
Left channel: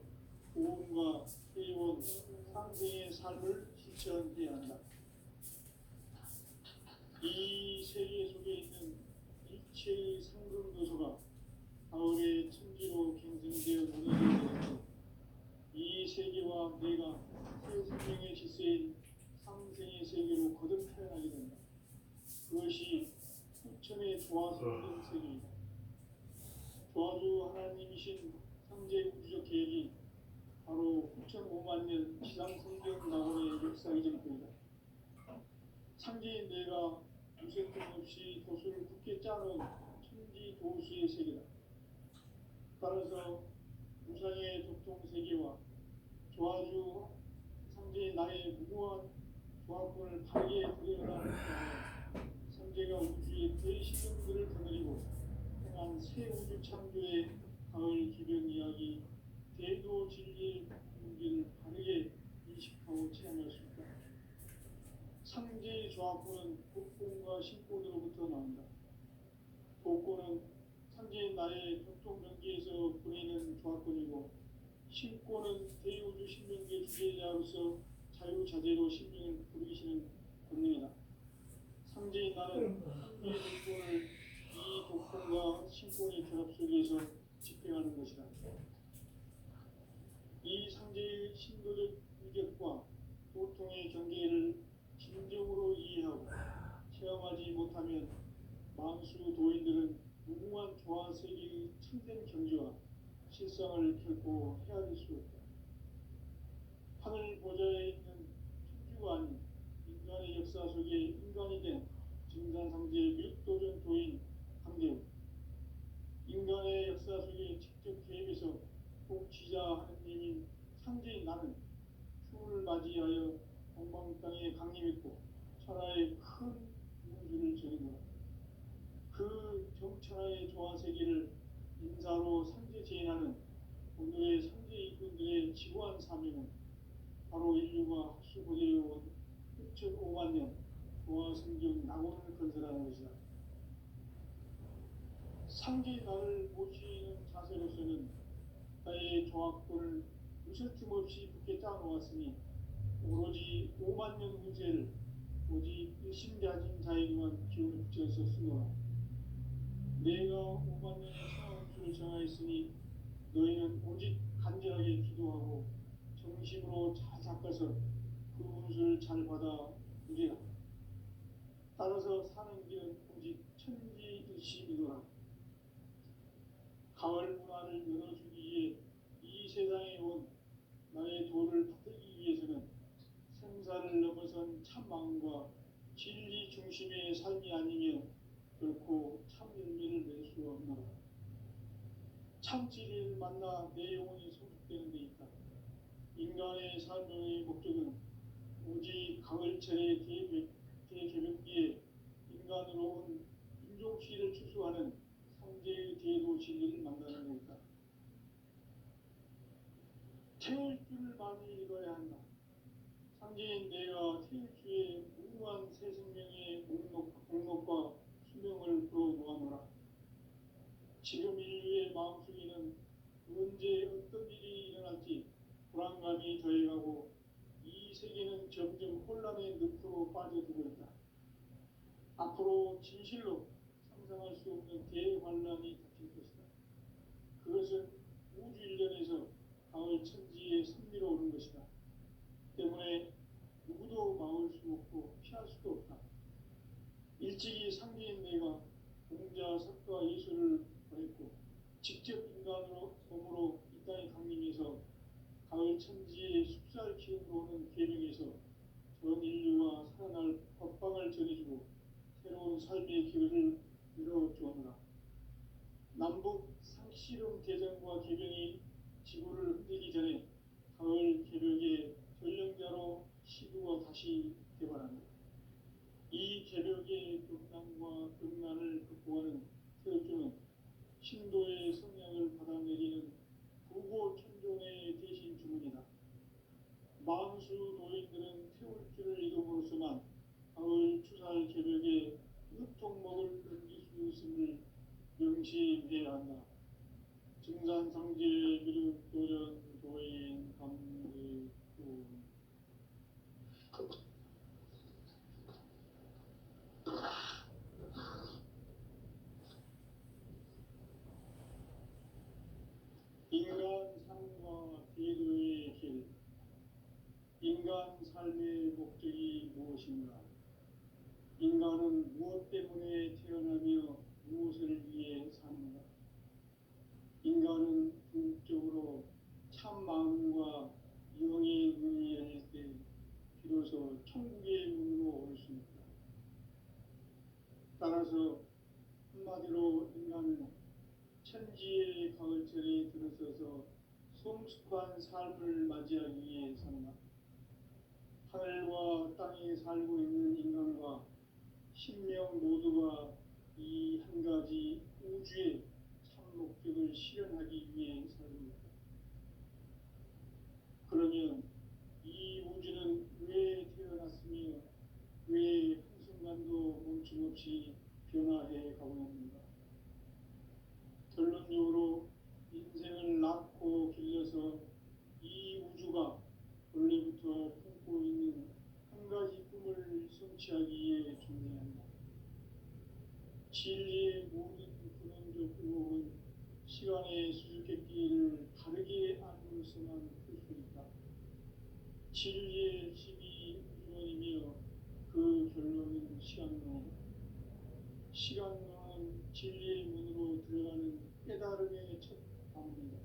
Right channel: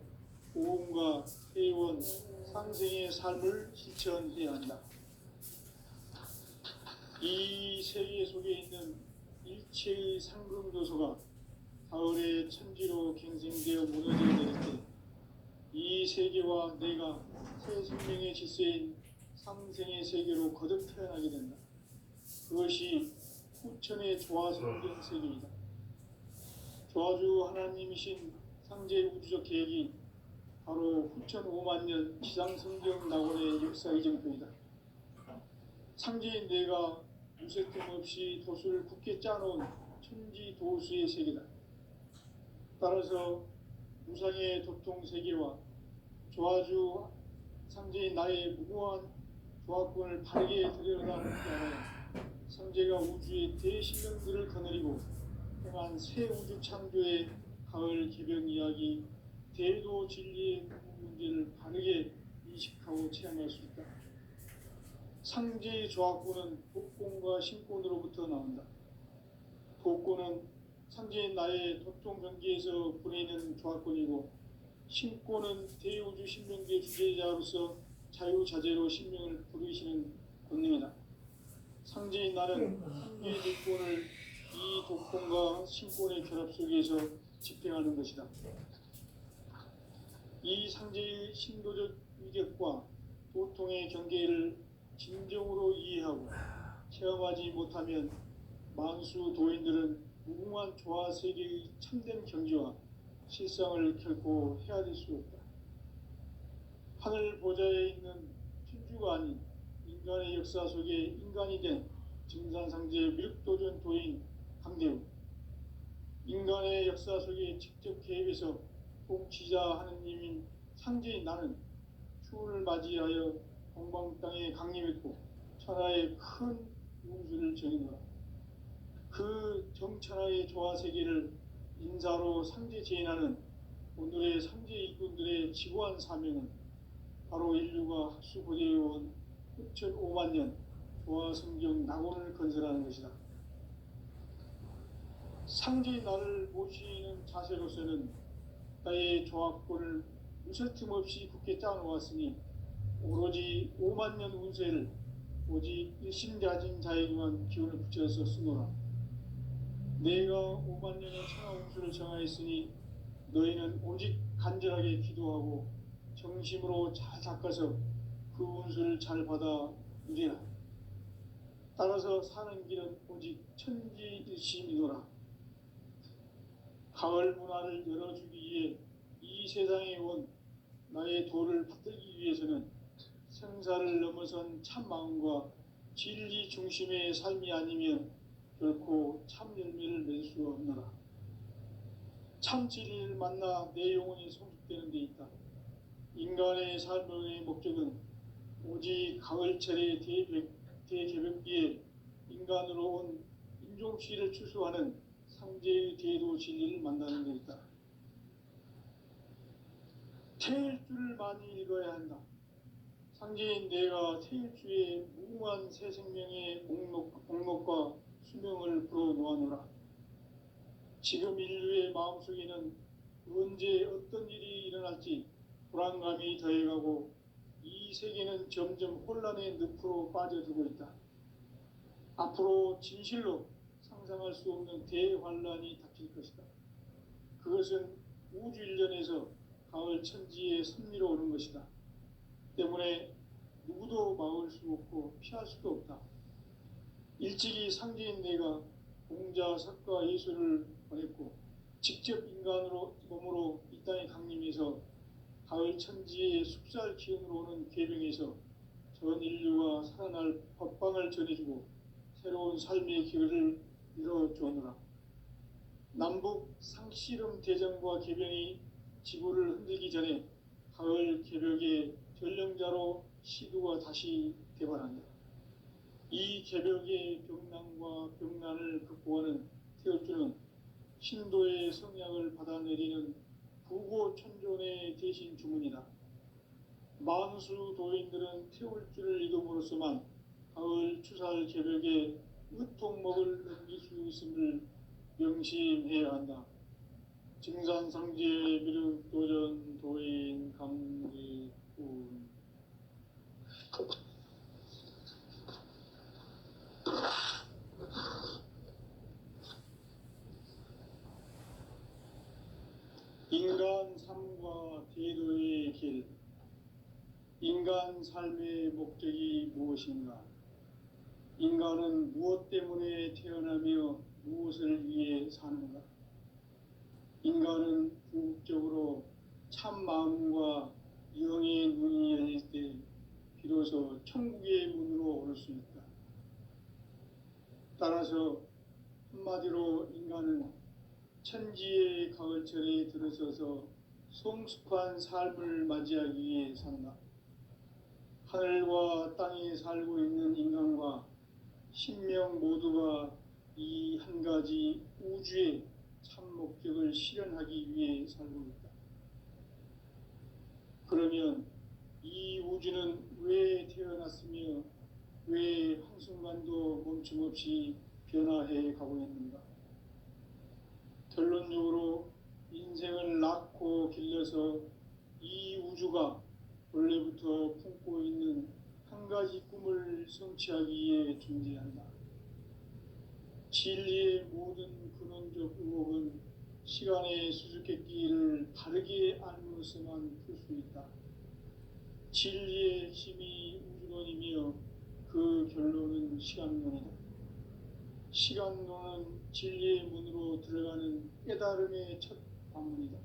보험과 회원, 상생의 삶을 실천해야 한다. 이 세계 속에 있는 일체의 상금도서가 가을의 천지로 갱생되어 무너져 내릴 때 이 세계와 내가 새 생명의 질서인 상생의 세계로 거듭 태어나게 된다. 그것이 후천의 조화성경 세계이다. 조화주 하나님이신 상제 우주적 계획이 바로 후천 5만 년 지상성경 낙원의 역사 이정표이다. 상제인 내가 무쇠뜸 없이 도수를 굳게 짜놓은 천지 도수의 세계다. 따라서 무상의 도통 세계와 조화주 상제인 나의 무궁한 조화권을 바르게 들여다보는 상제가 우주의 대신령들을 거느리고 행한 새 우주 창조의 가을 기병 이야기 대도 진리의 문제를 바르게 인식하고 체험할 수 있다. 상제의 조화권은 독권과 신권으로부터 나온다. 독권은 상제인 나의 도통 경계에서 보내는 조화권이고 신권은 대우주 신명계 주제자로서 자유자재로 신명을 부르시는 권능이다. 상제인 나는 이 독권을 이 독권과 신권의 결합 속에서 집행하는 것이다. 이 상제의 신도적 위격과 보통의 경계를 진정으로 이해하고 체험하지 못하면 만수 도인들은 무궁한 조화 세계의 참된 경지와 실상을 결코 헤아릴 수 없다. 하늘 보좌에 있는 천주가 아닌 인간의 역사 속에 인간이 된 증산상제 밀도전 도인 강대우, 인간의 역사 속에 직접 개입해서 통치자 하느님인 상제인 나는 추운을 맞이하여 동방 땅에 강림했고 천하의 큰 용수를 정해놓아 그 정천하의 조화 세계를 인사로 상제 제인하는 오늘의 상제 일꾼들의 지고한 사명은 바로 인류가 합수고대해온 6,5만 년 조화 성경 낙원을 건설하는 것이다. 상제 나를 모시는 자세로서는 나의 조화권을 무설틈 없이 굳게 짜놓았으니 오로지 5만 년 운세를 오직 일심가진 자에게만 기운을 붙여서 쓰노라. 내가 5만 년의 천하 운수를 정하였으니 너희는 오직 간절하게 기도하고 정심으로 잘 닦아서 그 운수를 잘 받아 누리라. 따라서 사는 길은 오직 천지일심이노라. 가을 문화를 열어주기 위해 이 세상에 온 나의 도를 받들기 위해서는 생사를 넘어선 참 마음과 진리 중심의 삶이 아니면 결코 참 열매를 맺을 수 없노라. 참 진리를 만나 내 영혼이 성숙되는 데 있다. 인간의 삶의 목적은 오직 가을철의 대개벽기에 인간으로 온 인종시를 추수하는 상제의 대도 진리를 만나는 데 있다. 태일주를 많이 읽어야 한다. 상제인 내가 태일주의 무궁한 새 생명의 목록과 수명을 불어놓아노라. 지금 인류의 마음속에는 언제 어떤 일이 일어날지 불안감이 더해가고 이 세계는 점점 혼란의 늪으로 빠져들고 있다. 앞으로 진실로 상상할 수 없는 대환란이 닥칠 것이다. 그것은 우주 일련에서 가을 천지의 섭리로 오는 것이다. 때문에 누구도 막을 수 없고 피할 수도 없다. 일찍이 상제인 내가 공자, 석가, 예수를 보냈고 직접 인간으로 몸으로 이 땅에 강림해서 가을 천지의 숲살 기운으로 오는 계명에서 전 인류가 살아날 법방을 전해주고 새로운 삶의 길을 열어주오노라. 남북 상씨름 대전과 계병이 지구를 흔들기 전에 가을 개벽의 전령자로 시두가 다시 개발한다. 이 개벽의 병난과 병난을 극복하는 태울주는 신도의 성향을 받아내리는 부고천존의 대신 주문이다. 만수 도인들은 태울주를 이름으로서만 가을 추살 개벽의 으통목을 넘길 수 있음을 명심해야 한다. 증산상제 미륵도전 도인 감리군. 인간 삶과 대도의 길. 인간 삶의 목적이 무엇인가? 인간은 무엇 때문에 태어나며 무엇을 위해 사는가? 인간은 궁극적으로 참 마음과 영의 눈이 열릴 때 비로소 천국의 문으로 오를 수 있다. 따라서 한마디로 인간은 천지의 가을철에 들어서서 성숙한 삶을 맞이하기 위해 산다. 하늘과 땅에 살고 있는 인간과 신명 모두가 이 한 가지 우주의 참 목적을 실현하기 위해 살고 있다. 그러면 이 우주는 왜 태어났으며 왜 한순간도 멈춤없이 변화해 가고 있는가? 결론적으로 인생을 낳고 길러서 이 우주가 원래부터 품고 있는 한 가지 꿈을 성취하기 위해 존재한다. 진리의 모든 근원적 의혹은 시간의 수수께끼를 바르게 알므로서만 풀 수 있다. 진리의 핵심이 우주론이며 그 결론은 시간론이다. 시간론은 진리의 문으로 들어가는 깨달음의 첫 방문이다.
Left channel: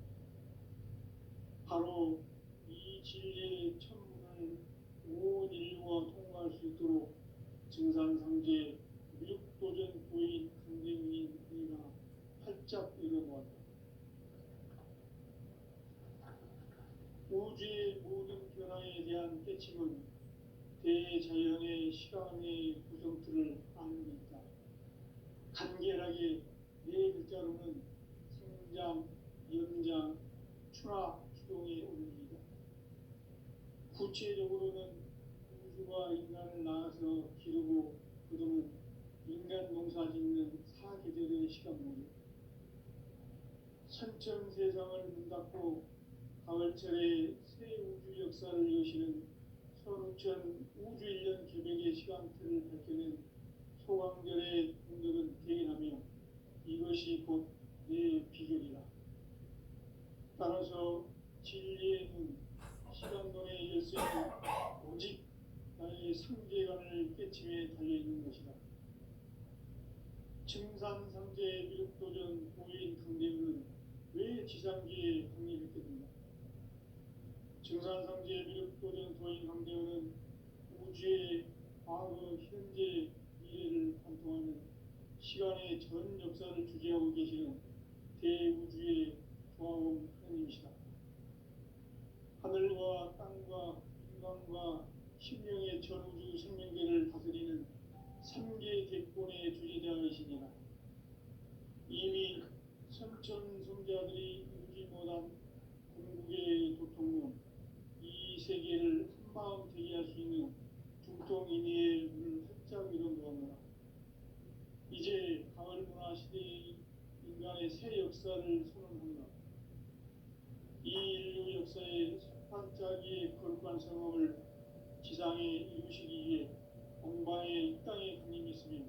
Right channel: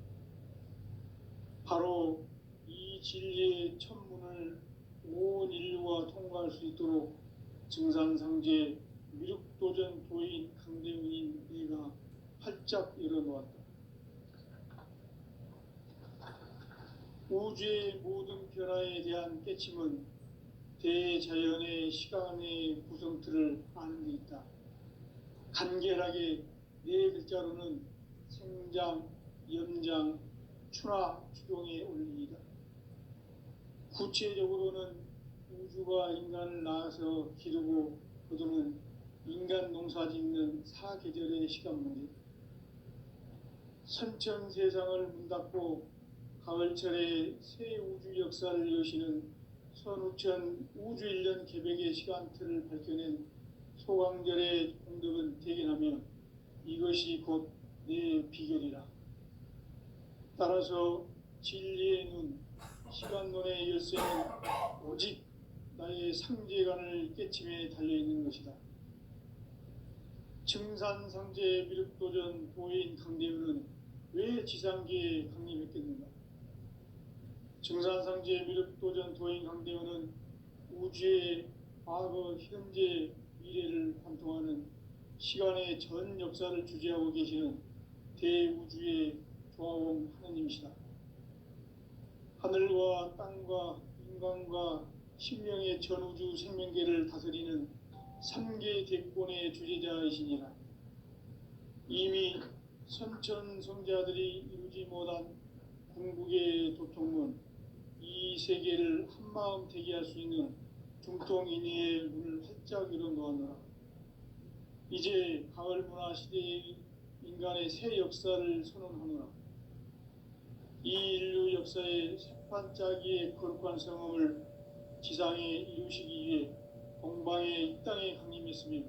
바로 이 진리의 첫 문을 온 인류가 통과할 수 있도록 증산상제 미륵도전 도인 강대웅인 내가 활짝 열어놓았다. 우주의 모든 변화에 대한 깨침은 대자연의 시간의 구성틀을 아는 데 있다. 간결하게 네 글자로는 생장, 연장, 추나 추동의 원리이다. 구체적으로는 우주가 인간을 낳아서 기르고 거두는 인간 농사 짓는 사계절의 시간 문제. 선천 세상을 문 닫고 가을철에 새 우주 역사를 여시는 선우천 우주일년 개벽의 시간틀을 밝혀낸 소강절의 공덕은 대견하며 이것이 곧 내 비결이라. 따라서 진리의 눈, 시간론의 열쇠는 오직 나의 상제관을 깨침에 달려있는 것이다. 증산상제 미륵도전 도인 강대우는 왜 지상계에 강림했겠는가? 증산상제 미륵도전 도인 강대우는 우주의 과거, 현재, 미래를 관통하는 시간의 전 역사를 주재하고 계시는 대우주의 조화원 하나님이시다. 하늘과 땅과 인간과 신명의 전우주 생명계를 다스리는 3계 대권의 주재자이시니라. 이미 선천성자들이 이루지 못한 궁극의 도통문, 이 세계를 한마음 되게 할 수 있는 중통인의의 문을 활짝 열어놓았노라. 이제 가을 문화 시대의 인간의 새 역사를 선언하노라. 이 인류 역사의 반짝이의 거룩한 성음을 지상에 이루시기 위해 동방에 이 땅에 강림했으며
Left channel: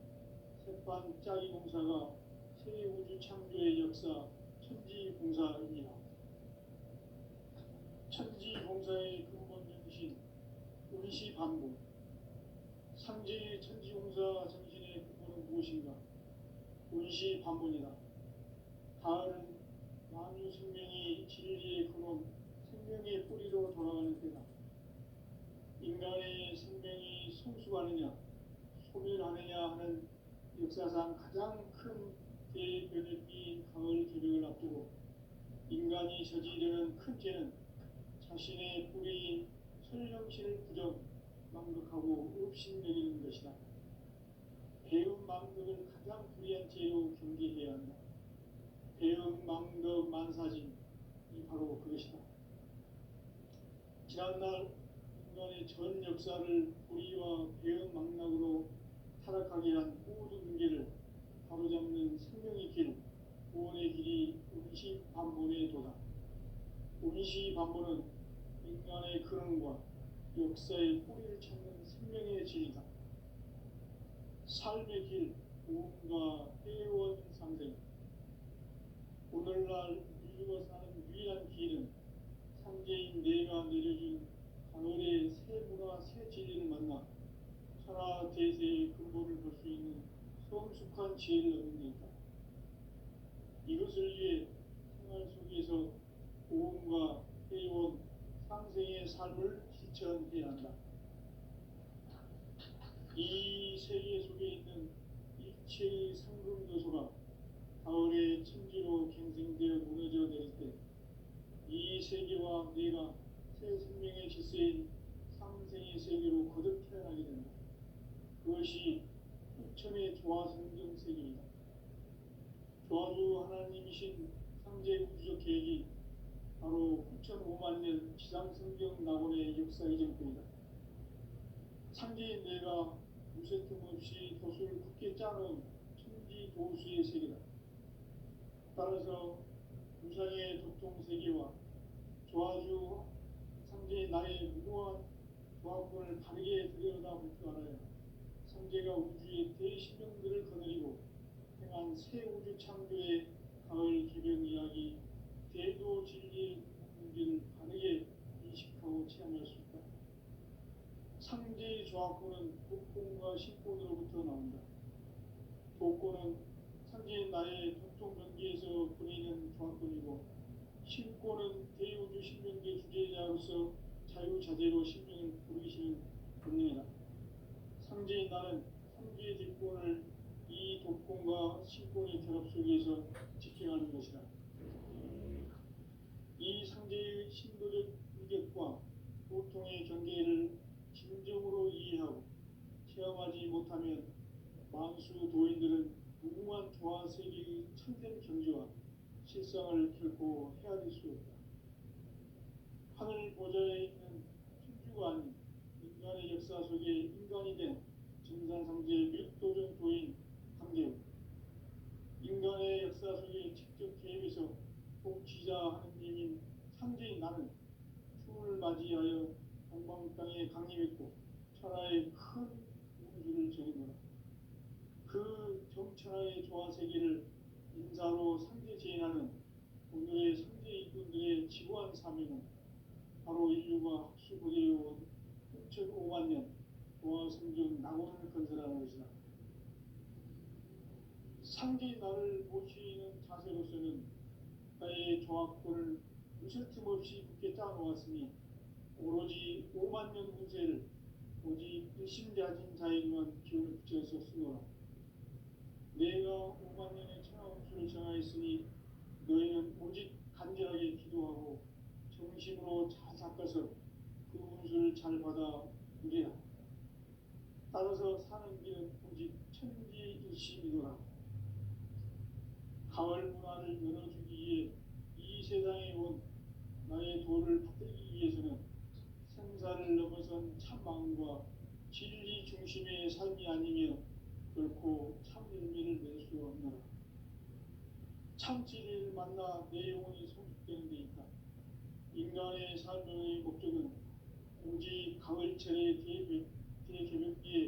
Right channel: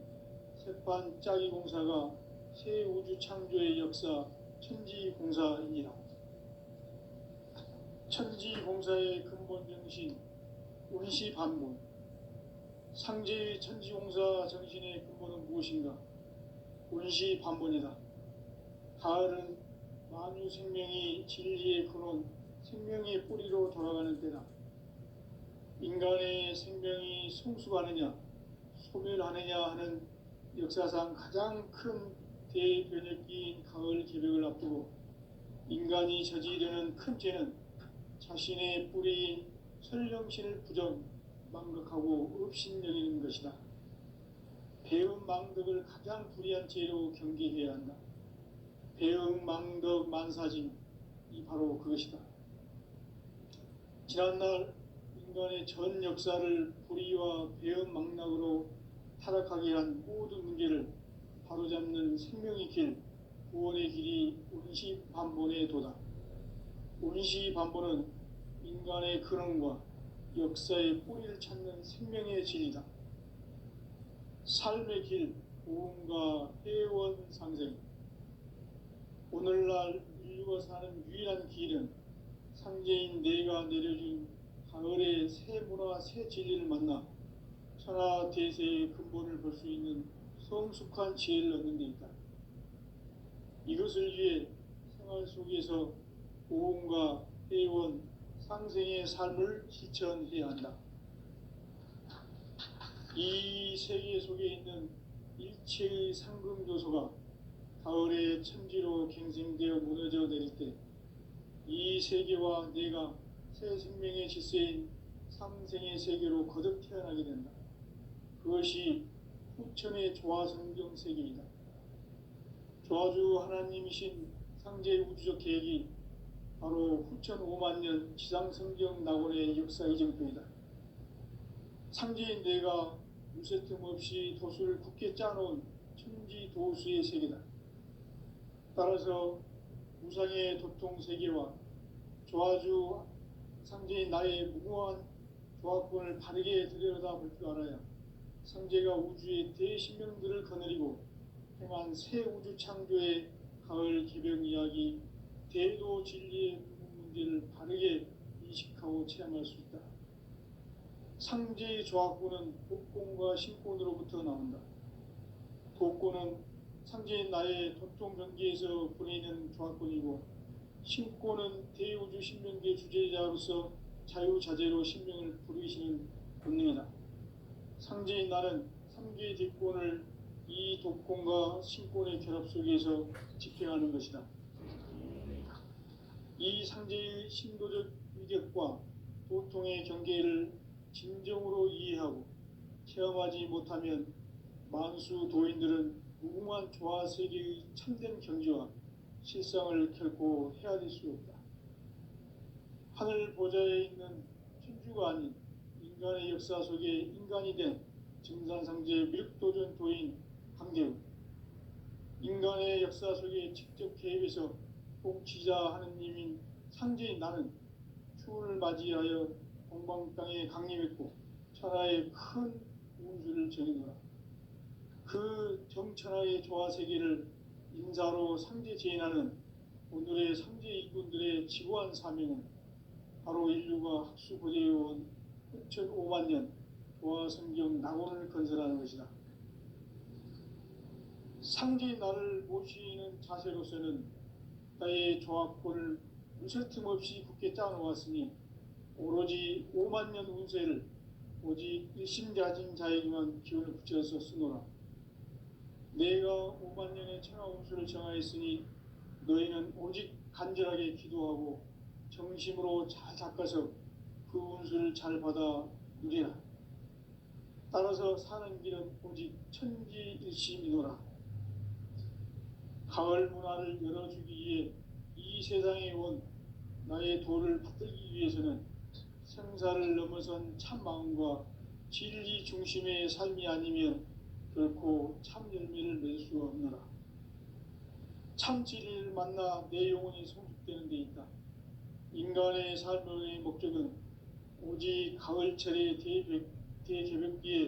새판 짜기 공사가 새 우주 창조의 역사 천지공사이니라. 천지공사의 근본 정신 운시반본. 상제의 천지공사 정신의 근본은 무엇인가? 운시반본이다. 가을은 만유 생명이 진리의 근원, 생명의 뿌리로 돌아가는 때다. 인간의 생명이 성숙하느냐, 소멸하느냐 하는 역사상 가장 큰 대변혁기인 가을 개벽을 앞두고 인간이 저지르는 큰 죄는 자신의 뿌리인 설령신을 부정, 망각하고 업신여기는 것이다. 배음 망덕을 가장 불의한 죄로 경계해야 한다. 배음 망덕 만사짐이 바로 그것이다. 지난날 인간의 전 역사를 불의와 배음 망락으로 타락하게 한 모든 문제를 바로잡는 생명의 길, 구원의 길이 운시반본의 도다. 운시반본은 인간의 근원과 역사의 뿌리를 찾는 생명의 진리다. 삶의 길, 구원과 회원 상생. 오늘날 인류가 사는 유일한 길은 상제인 내가 내려준 가을의 새 문화, 새 진리를 만나 천하 대세의 근본을 볼 수 있는 성숙한 지혜를 얻는 데 있다. 이것을 위해 생활 속에서 보험과 회원, 상생의 삶을 실천해야 한다. 이 세계 속에 있는 일체의 상금 요소가 가을의 천지로 갱생되어 무너져 내릴 때 이 세계와 내가 새 생명의 질서인 상생의 세계로 거듭 태어나게 된다. 그것이 후천의 조화성경 세계이다. 조화주 하나님이신 상제 우주적 계획이 바로 후천 5만 년 지상성경 낙원의 역사 이정표이다. 상제인 내가 무쇠 틈 없이 도수를 굳게 짜놓은 천지 도수의 세계다. 따라서 무상의 도통 세계와 조화주 상제인 나의 무궁한 조화권을 바르게 들여다볼 줄 알아야 상제가 우주의 대신명들을 거느리고 행한 새 우주 창조의 가을 기병 이야기, 대도 진리의 문제를 바르게 인식하고 체험할 수 있다. 상제의 조화권은 독권과 신권으로부터 나온다. 독권은 상제인 나의 도통 명기에서 보내는 조화권이고, 신권은 대우주 신명계 주제자로서 자유자재로 신명을 부르시는 본능이다. 상제인 나는 상계의 뒷권을 이 독권과 신권의 결합 속에서 집행하는 것이다. 이 상제의 신도적 위력과 도통의 경계를 진정으로 이해하고 체험하지 못하면 만수 도인들은 무궁한 조화 세계의 참된 경지와 실상을 결코 헤아릴 수 없다. 하늘 보좌에 있는 천주가 아닌 인간의 역사 속에 인간이 된 증산상제 밀도전 도인 강대우, 인간의 역사 속에 직접 개입해서 통치자 하느님인 상제인 나는 추운을 맞이하여 동방 땅에 강림했고 천하의 큰 운수를 정해놓아 그 정천하의 조화 세계를 인사로 상제 제인하는 오늘의 상제 일꾼들의 지고한 사명은 바로 인류가 학수 보내어온 6,5만 년 조화 성경 낙원을 건설하는 것이다. 상제인 나를 모시는 자세로서는 나의 조화권을 무쇠 틈 없이 굳게 짜놓았으니 오로지 5만 년 운세를 오직 일심자진 자에게만 기운을 붙여서 쓰노라. 내가 5만 년의 천하 운수를 정하였으니 너희는 오직 간절하게 기도하고 정심으로 잘 닦아서 그 운수를 잘 받아 누리라. 따라서 사는 길은 오직 천지일심이노라. 가을 문화를 열어주기 위해 이 세상에 온 나의 도를 받들기 위해서는 생사를 넘어선 참마음과 진리 중심의 삶이 아니면 결코 참 열매를 맺을 수 없노라. 참 진리를 만나 내 영혼이 성숙되는 데 있다. 인간의 삶의 목적은 오직 가을철의 대개벽비에